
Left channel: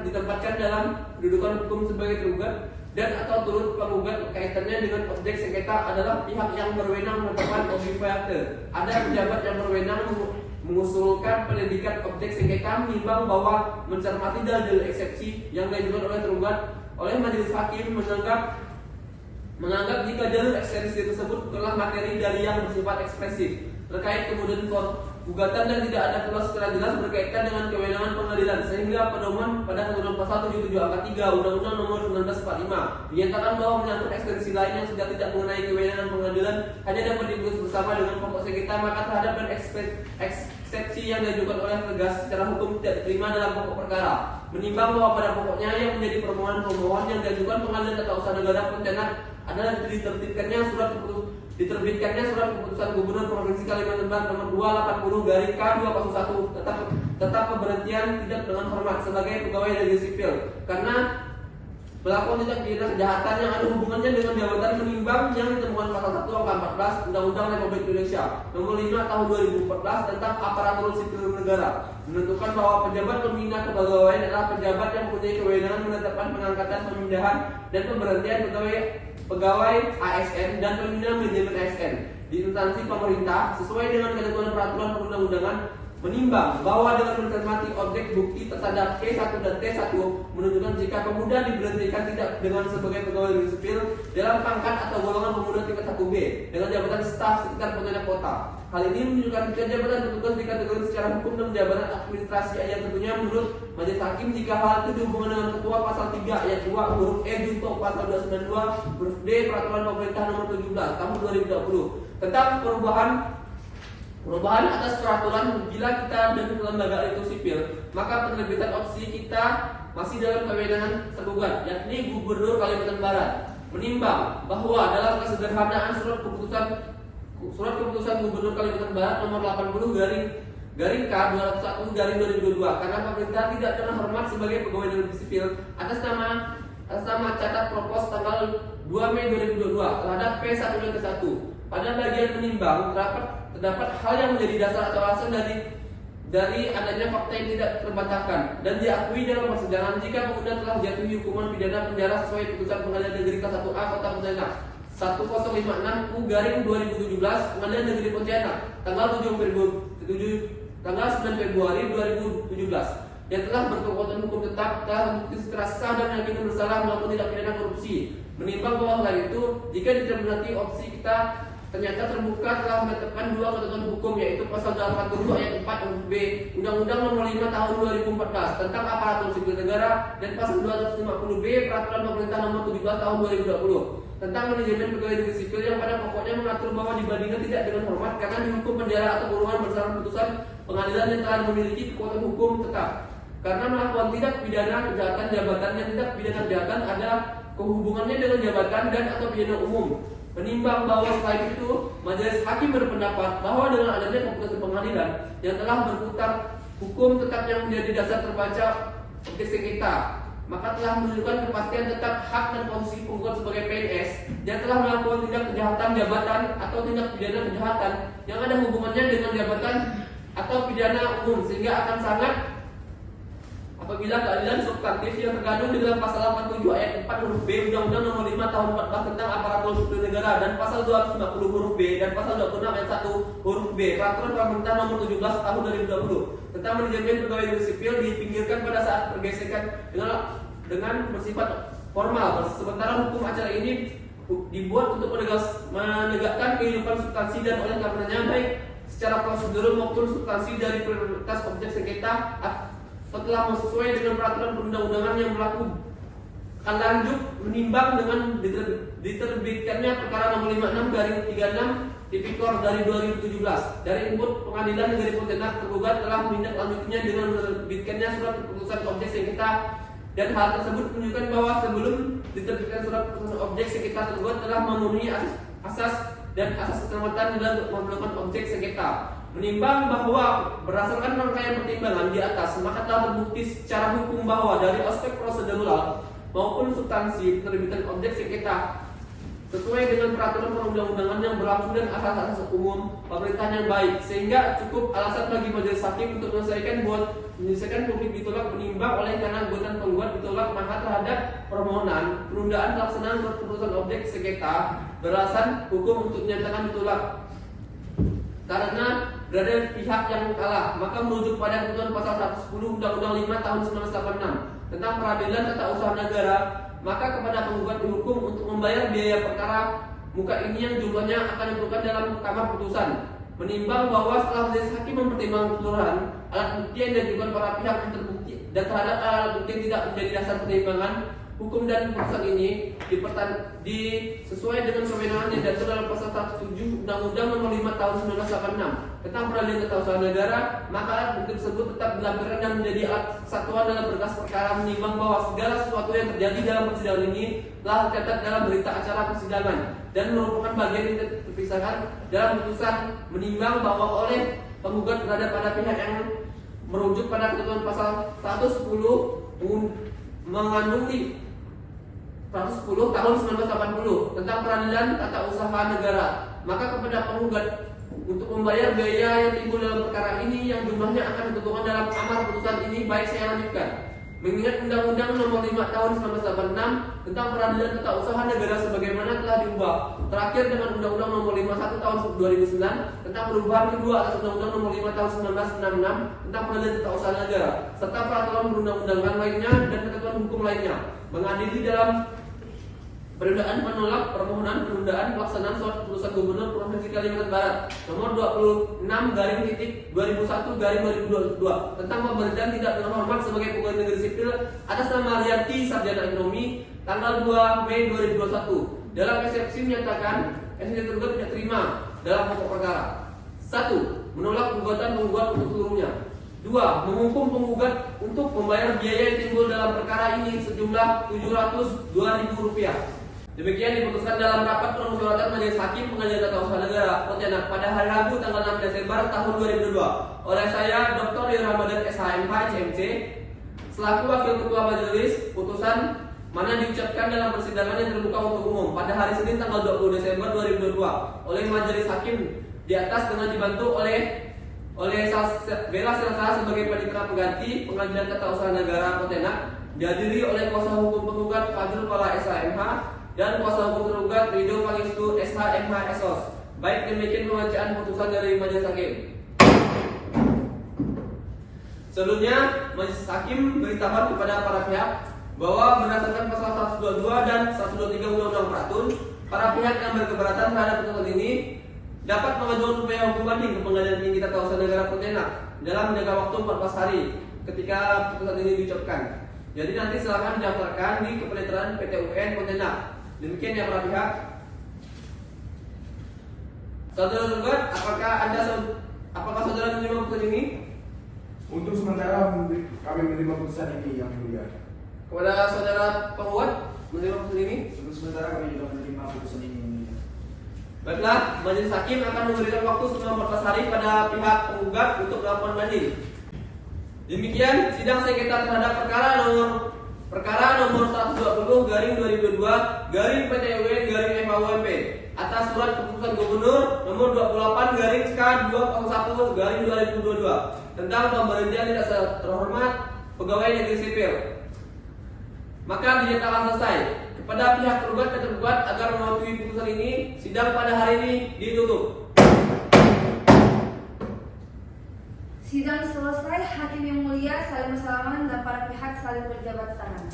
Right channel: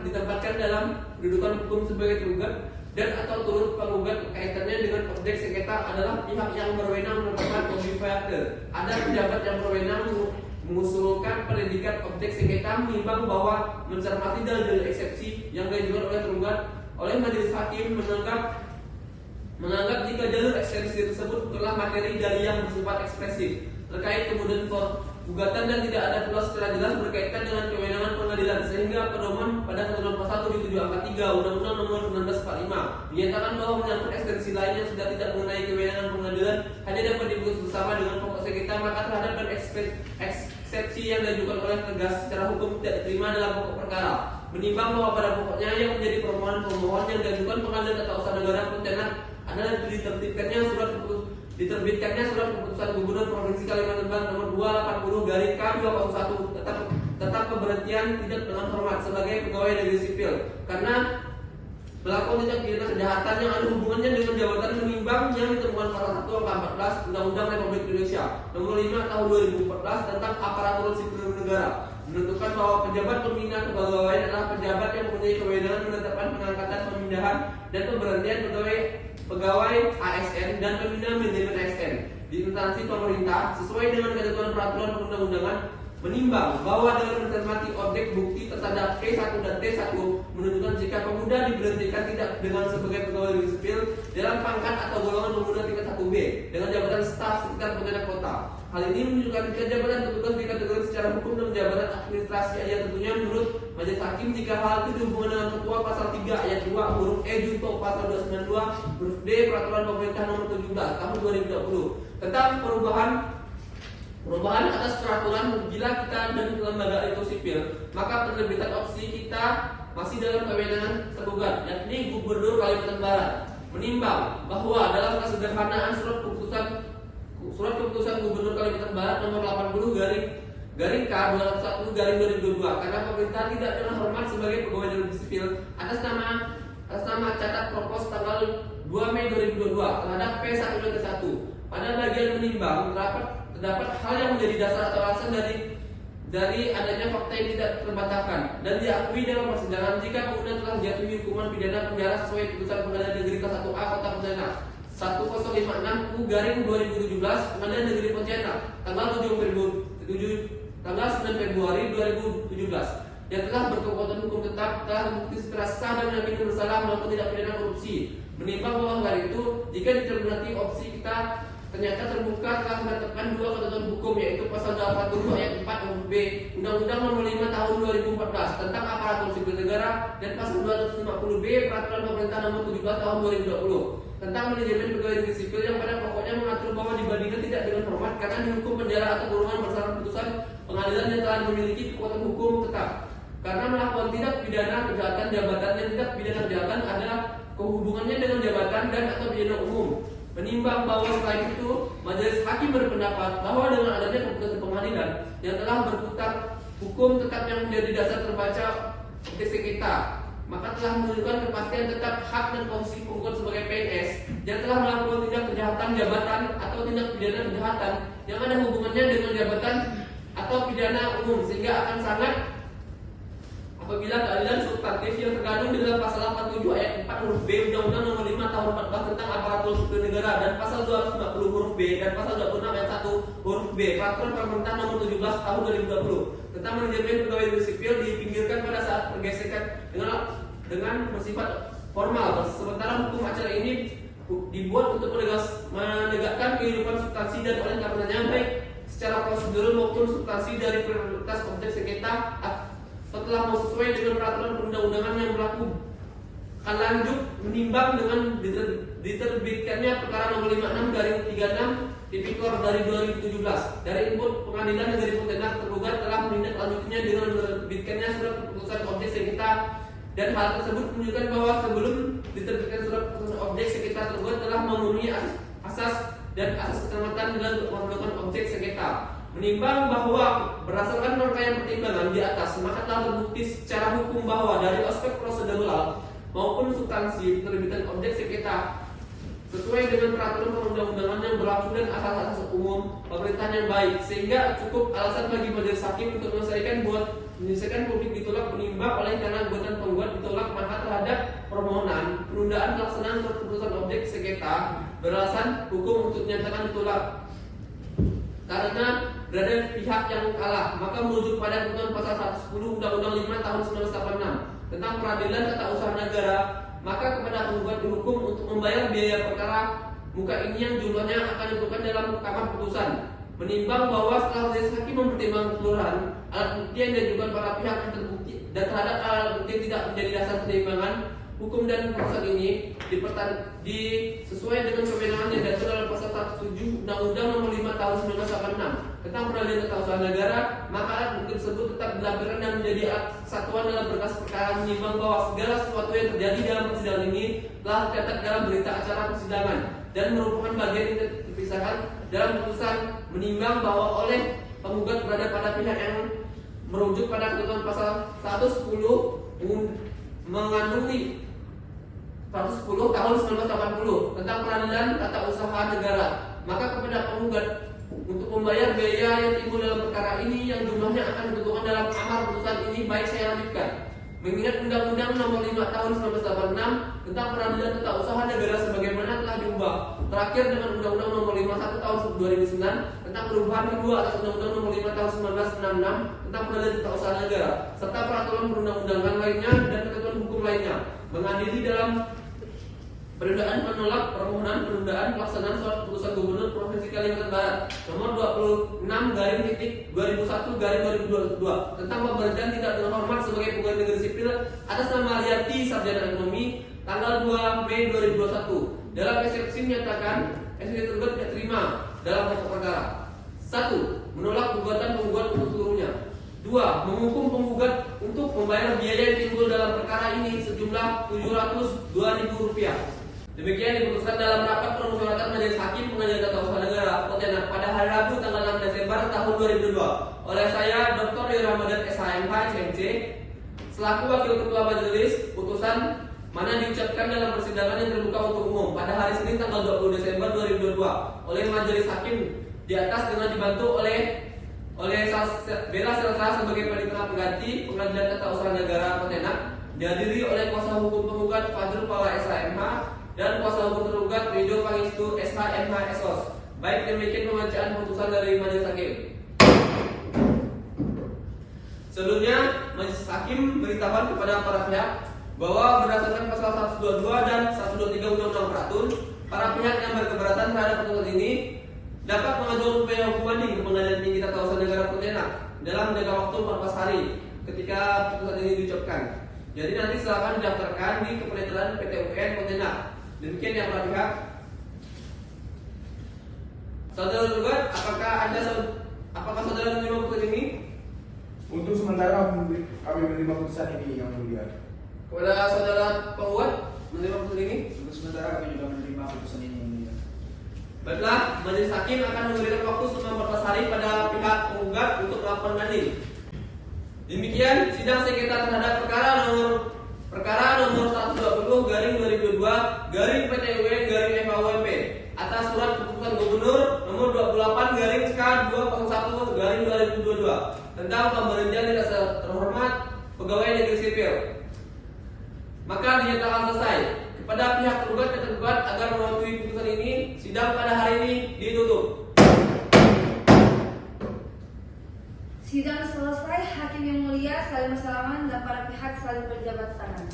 ditempatkan dalam kedudukan hukum sebagai tergugat dan atau turut penggugat kaitannya dengan objek sengketa adalah pihak yang berwenang menetapkan obligator. Ada pejabat yang berwenang mengusulkan pendidikan objek sengketa, menimbang bahwa mencermati dalil eksepsi yang diajukan oleh tergugat oleh majelis hakim menganggap jika jalur eksepsi tersebut bukanlah materi dari yang bersifat ekspresif terkait kemudian gugatan dan tidak ada pula secara jelas berkaitan dengan kewenangan pengadilan, sehingga pedoman pada ketentuan pasal 77 angka 3 Undang-Undang Nomor 1945 dinyatakan bahwa menyangkut eksepsi lain yang sudah tidak mengenai kewenangan pengadilan hanya dapat diputus bersama dengan pokok sengketa, maka terhadap eksepsi yang diajukan oleh tegas secara hukum tidak diterima dalam pokok perkara. Menimbang bahwa pada pokoknya yang menjadi permohonan yang diajukan Pengadilan Tata Usaha Negara Pontianak adalah diterbitkannya surat keputusan Gubernur Provinsi Kalimantan Barat nomor 280 garing K.201 tetap pemberhentian tidak dengan hormat sebagai pegawai negeri sipil karena pelaku tindak pidana kejahatan yang ada hubungannya dengan jabatan, menimbang yang ditemukan pasal 1 angka 14 Undang-Undang Republik Indonesia nomor 5 tahun 2014 tentang aparatur sipil negara menentukan bahwa pejabat pembina kepegawaian adalah pejabat yang mempunyai kewenangan menetapkan pengangkatan, pemindahan, dan pemberhentian pegawai ASN dan pembina manajemen ASN di instansi pemerintah sesuai dengan ketentuan peraturan perundang-undangan, menimbang bahwa dengan mencermati objek bukti terhadap T1 dan T1 menunjukkan jika pemuda diberhentikan tidak dengan sebagai pegawai negeri sipil dalam pangkat atau golongan pemuda tingkat 1B dengan jabatan staf sekitar Pontianak Kota. Hal ini menunjukkan jika jabatan tertugas dikategori secara hukum dan jabatan administrasi yang tentunya menurut majelis hakim jika hal itu dihubungkan dengan ketua pasal 3 ayat 2 huruf E junto pasal 292 huruf D peraturan pemerintah nomor 17 tahun 2020 tentang perubahan atas peraturan bila kita dan lembaga itu sipil, maka penerbitan opsi kita masih dalam kewenangan tergugat, yakni Gubernur Kalimantan Barat. Menimbang bahwa dalam kesederhanaan surat keputusan Gubernur Kalimantan Barat nomor 80 garing K.201 garing 2022 karena pemerintah tidak dengan hormat sebagai pegawai negeri sipil atas nama catat propos tanggal 2 Mei 2022 terhadap P1 dan T1. Pada bagian menimbang terdapat hal yang menjadi dasar atau alasan dari adanya fakta yang tidak terbantahkan dan diakui dalam persidangan jika pemuda telah dijatuhi hukuman pidana penjara sesuai putusan Pengadilan Negeri Kelas 1A Kota Pontianak 1056 U garing 2017 Pengadilan Negeri Pontianak tanggal 9 Februari 2017 yang telah berkekuatan hukum tetap, telah terbukti secara sah dan yakin bersalah melakukan tindak pidana korupsi. Menimbang bahwa hal itu jika dicermati opsi kita ternyata terbuka telah menetapkan dua ketentuan hukum, yaitu pasal 87 ayat 4 huruf B Undang-Undang Nomor 5 Tahun 2014 tentang Aparatur Sipil Negara dan pasal 250 B Peraturan Pemerintah Nomor 17 Tahun 2020 tentang manajemen pegawai negeri sipil, yang pada pokoknya mengatur bahwa dibandingkan tidak dengan hormat karena dihukum penjara atau kurungan berdasarkan putusan pengadilan yang telah memiliki kekuatan hukum tetap. Karena melakukan tindak pidana kejahatan jabatan dan tindak pidana kejahatan ada kehubungannya dengan jabatan dan atau pidana umum. Menimbang bahwa selain itu, majelis hakim berpendapat bahwa dengan adanya keputusan pengadilan yang telah berputar hukum tetap yang menjadi dasar terbaca objek sengketa, maka telah menunjukkan kepastian tetap hak dan posisi penggugat sebagai PNS yang telah melakukan tindak kejahatan jabatan atau tindak pidana kejahatan yang ada hubungannya dengan jabatan atau pidana umum, sehingga akan sangat apabila keadilan substantif yang terkandung di dalam pasal 87 ayat 4 huruf B Undang-Undang Nomor 5 Tahun 14 tentang Aparatur Sipil Negara dan pasal 250 huruf B dan pasal 26 ayat 1 huruf B Peraturan Pemerintah Nomor 17 Tahun 2020 tentang manajemen pegawai negeri sipil dipinggirkan pada saat pergesekan dengan bersifat formal, sementara hukum acara ini dibuat untuk menegakkan kehidupan substansi dan oleh karenanya baik secara prosedur maupun substansi dari prioritas objek sengketa setelah sesuai dengan peraturan perundang-undangan yang berlaku akan lanjut menimbang dengan diterbitkannya perkara nomor 56 dari 36 Tipikor dari 2017 dari input pengadilan negeri Pontianak, tergugat telah menindaklanjutinya dengan menerbitkannya surat keputusan objek sengketa, dan hal tersebut menunjukkan bahwa sebelum diterbitkan surat keputusan objek sengketa, tergugat telah memenuhi asas dan asas keselamatan dengan melakukan objek sengketa. Menimbang bahwa berdasarkan rangkaian pertimbangan di atas, maka telah terbukti secara hukum bahwa dari aspek prosedural maupun substansi penerbitan objek sengketa sesuai dengan peraturan perundang-undangan yang berlaku dan asas-asas umum pemerintahan yang baik, sehingga cukup alasan bagi majelis hakim untuk menyelesaikan publik ditolak menimbang oleh karena gugatan penggugat ditolak, maka terhadap permohonan penundaan pelaksanaan surat keputusan objek sengketa beralasan hukum untuk dinyatakan ditolak karena berada pihak yang kalah, maka merujuk pada ketentuan pasal 110 Undang-Undang 5 Tahun 1986 tentang Peradilan Tata Usaha Negara, maka kepada penggugat dihukum untuk membayar biaya perkara muka ini yang jumlahnya akan ditentukan dalam kamar putusan. Menimbang bahwa setelah majelis hakim mempertimbangkan keseluruhan alat bukti yang diajukan para pihak yang terbukti dan terhadap alat bukti yang tidak menjadi dasar pertimbangan hukum dan putusan ini sesuai dengan kewenangan yang diatur dalam pasal 107 Undang-Undang Nomor 5 Tahun 1986 tentang Peradilan Tata Usaha Negara, maka alat bukti tersebut tetap dilampirkan dan menjadi alat satuan dalam berkas perkara. Menimbang bahwa segala sesuatu yang terjadi dalam persidangan ini telah tercatat dalam berita acara persidangan dan merupakan bagian yang terpisahkan dalam putusan. Menimbang bahwa oleh penggugat berada pada pihak yang merujuk pada ketentuan pasal 110 mengandungi 110 tahun 1980 tentang Peradilan Tata Usaha Negara, maka kepada penggugat untuk membayar biaya yang timbul dalam perkara ini yang jumlahnya akan ditentukan dalam amar putusan ini, baik saya lanjutkan. Mengingat Undang-Undang Nomor 5 Tahun 1986 tentang Peradilan Tata Usaha Negara sebagaimana telah diubah terakhir dengan Undang-Undang Nomor 51 Tahun 2009 tentang perubahan kedua atas Undang-Undang Nomor 5 Tahun 1966 tentang Peradilan Tata Usaha Negara serta peraturan perundang-undangan lainnya dan ketentuan hukum lainnya, mengadili dalam penundaan menolak permohonan penundaan pelaksanaan surat keputusan Gubernur Provinsi Kalimantan Barat nomor 26/2001/2022 tentang pemberhentian tidak dengan hormat sebagai pegawai negeri sipil atas nama Rianti Sarjana Ekonomi tanggal 2 Mei 2021. Dalam eksepsi menyatakan SNJ tergugat tidak terima dalam pokok perkara. 1. Menolak gugatan penggugat untuk seluruhnya. 2. Menghukum penggugat untuk membayar biaya yang timbul dalam perkara ini sejumlah Rp702.000. Demikian diputuskan dalam rapat permusyawaratan Majelis Hakim Pengadilan Tata Usaha Negara Pontianak pada hari Rabu tanggal 6 Desember tahun 2002 oleh saya Dr. Rio Ramadan SHMH SMC selaku Wakil Ketua Majelis. Putusan mana diucapkan dalam persidangan yang terbuka untuk umum pada hari Senin tanggal 20 Desember 2022 oleh Majelis Hakim di atas dengan dibantu oleh Bella Selsa sebagai panitera pengganti Pengadilan Tata Usaha Negara Pontianak, dihadiri oleh kuasa hukum penggugat Fadrul Pala SHMH dan kuasa hukum tergugat Ridho Pangestu SHMH SOS. Baik, demikian pembacaan putusan dari Majelis Hakim. Selanjutnya, Majelis Hakim beritahuan kepada para pihak bahwa berdasarkan pasal 122 dan 123 Undang-Undang Peraturan para pihak yang berkeberatan terhadap putusan ini dapat mengajukan upaya hukum banding ke Pengadilan Tinggi Tata Usaha Negara Pontianak dalam jangka waktu 14 hari ketika putusan ini diucapkan. Jadi nanti silakan didaftarkan di Kepanitiaan PT UN Pontianak. Demikian ya para pihak. Saudara tergugat, apakah saudara menerima putusan ini? Untuk sementara kami menerima putusan ini yang mulia. Kepada saudara penggugat menerima putusan ini? Untuk sementara kami juga menerima putusan ini. Baiklah, majelis hakim akan memberikan waktu selama 14 hari pada pihak penggugat untuk melakukan banding. Demikian sidang sengketa terhadap perkara nomor 120/2022/PT-UN/FAUMP atas surat keputusan gubernur nomor 28/K201/2022 tentang pemberhentian tidak terhormat pegawai negeri sipil. Maka dinyatakan selesai. Kepada pihak tergugat dan tergugat agar mematuhi putusan ini, sidang pada hari ini ditutup. Sidang selesai, hakim yang mulia saling salaman dan para pihak saling berjabat tangan.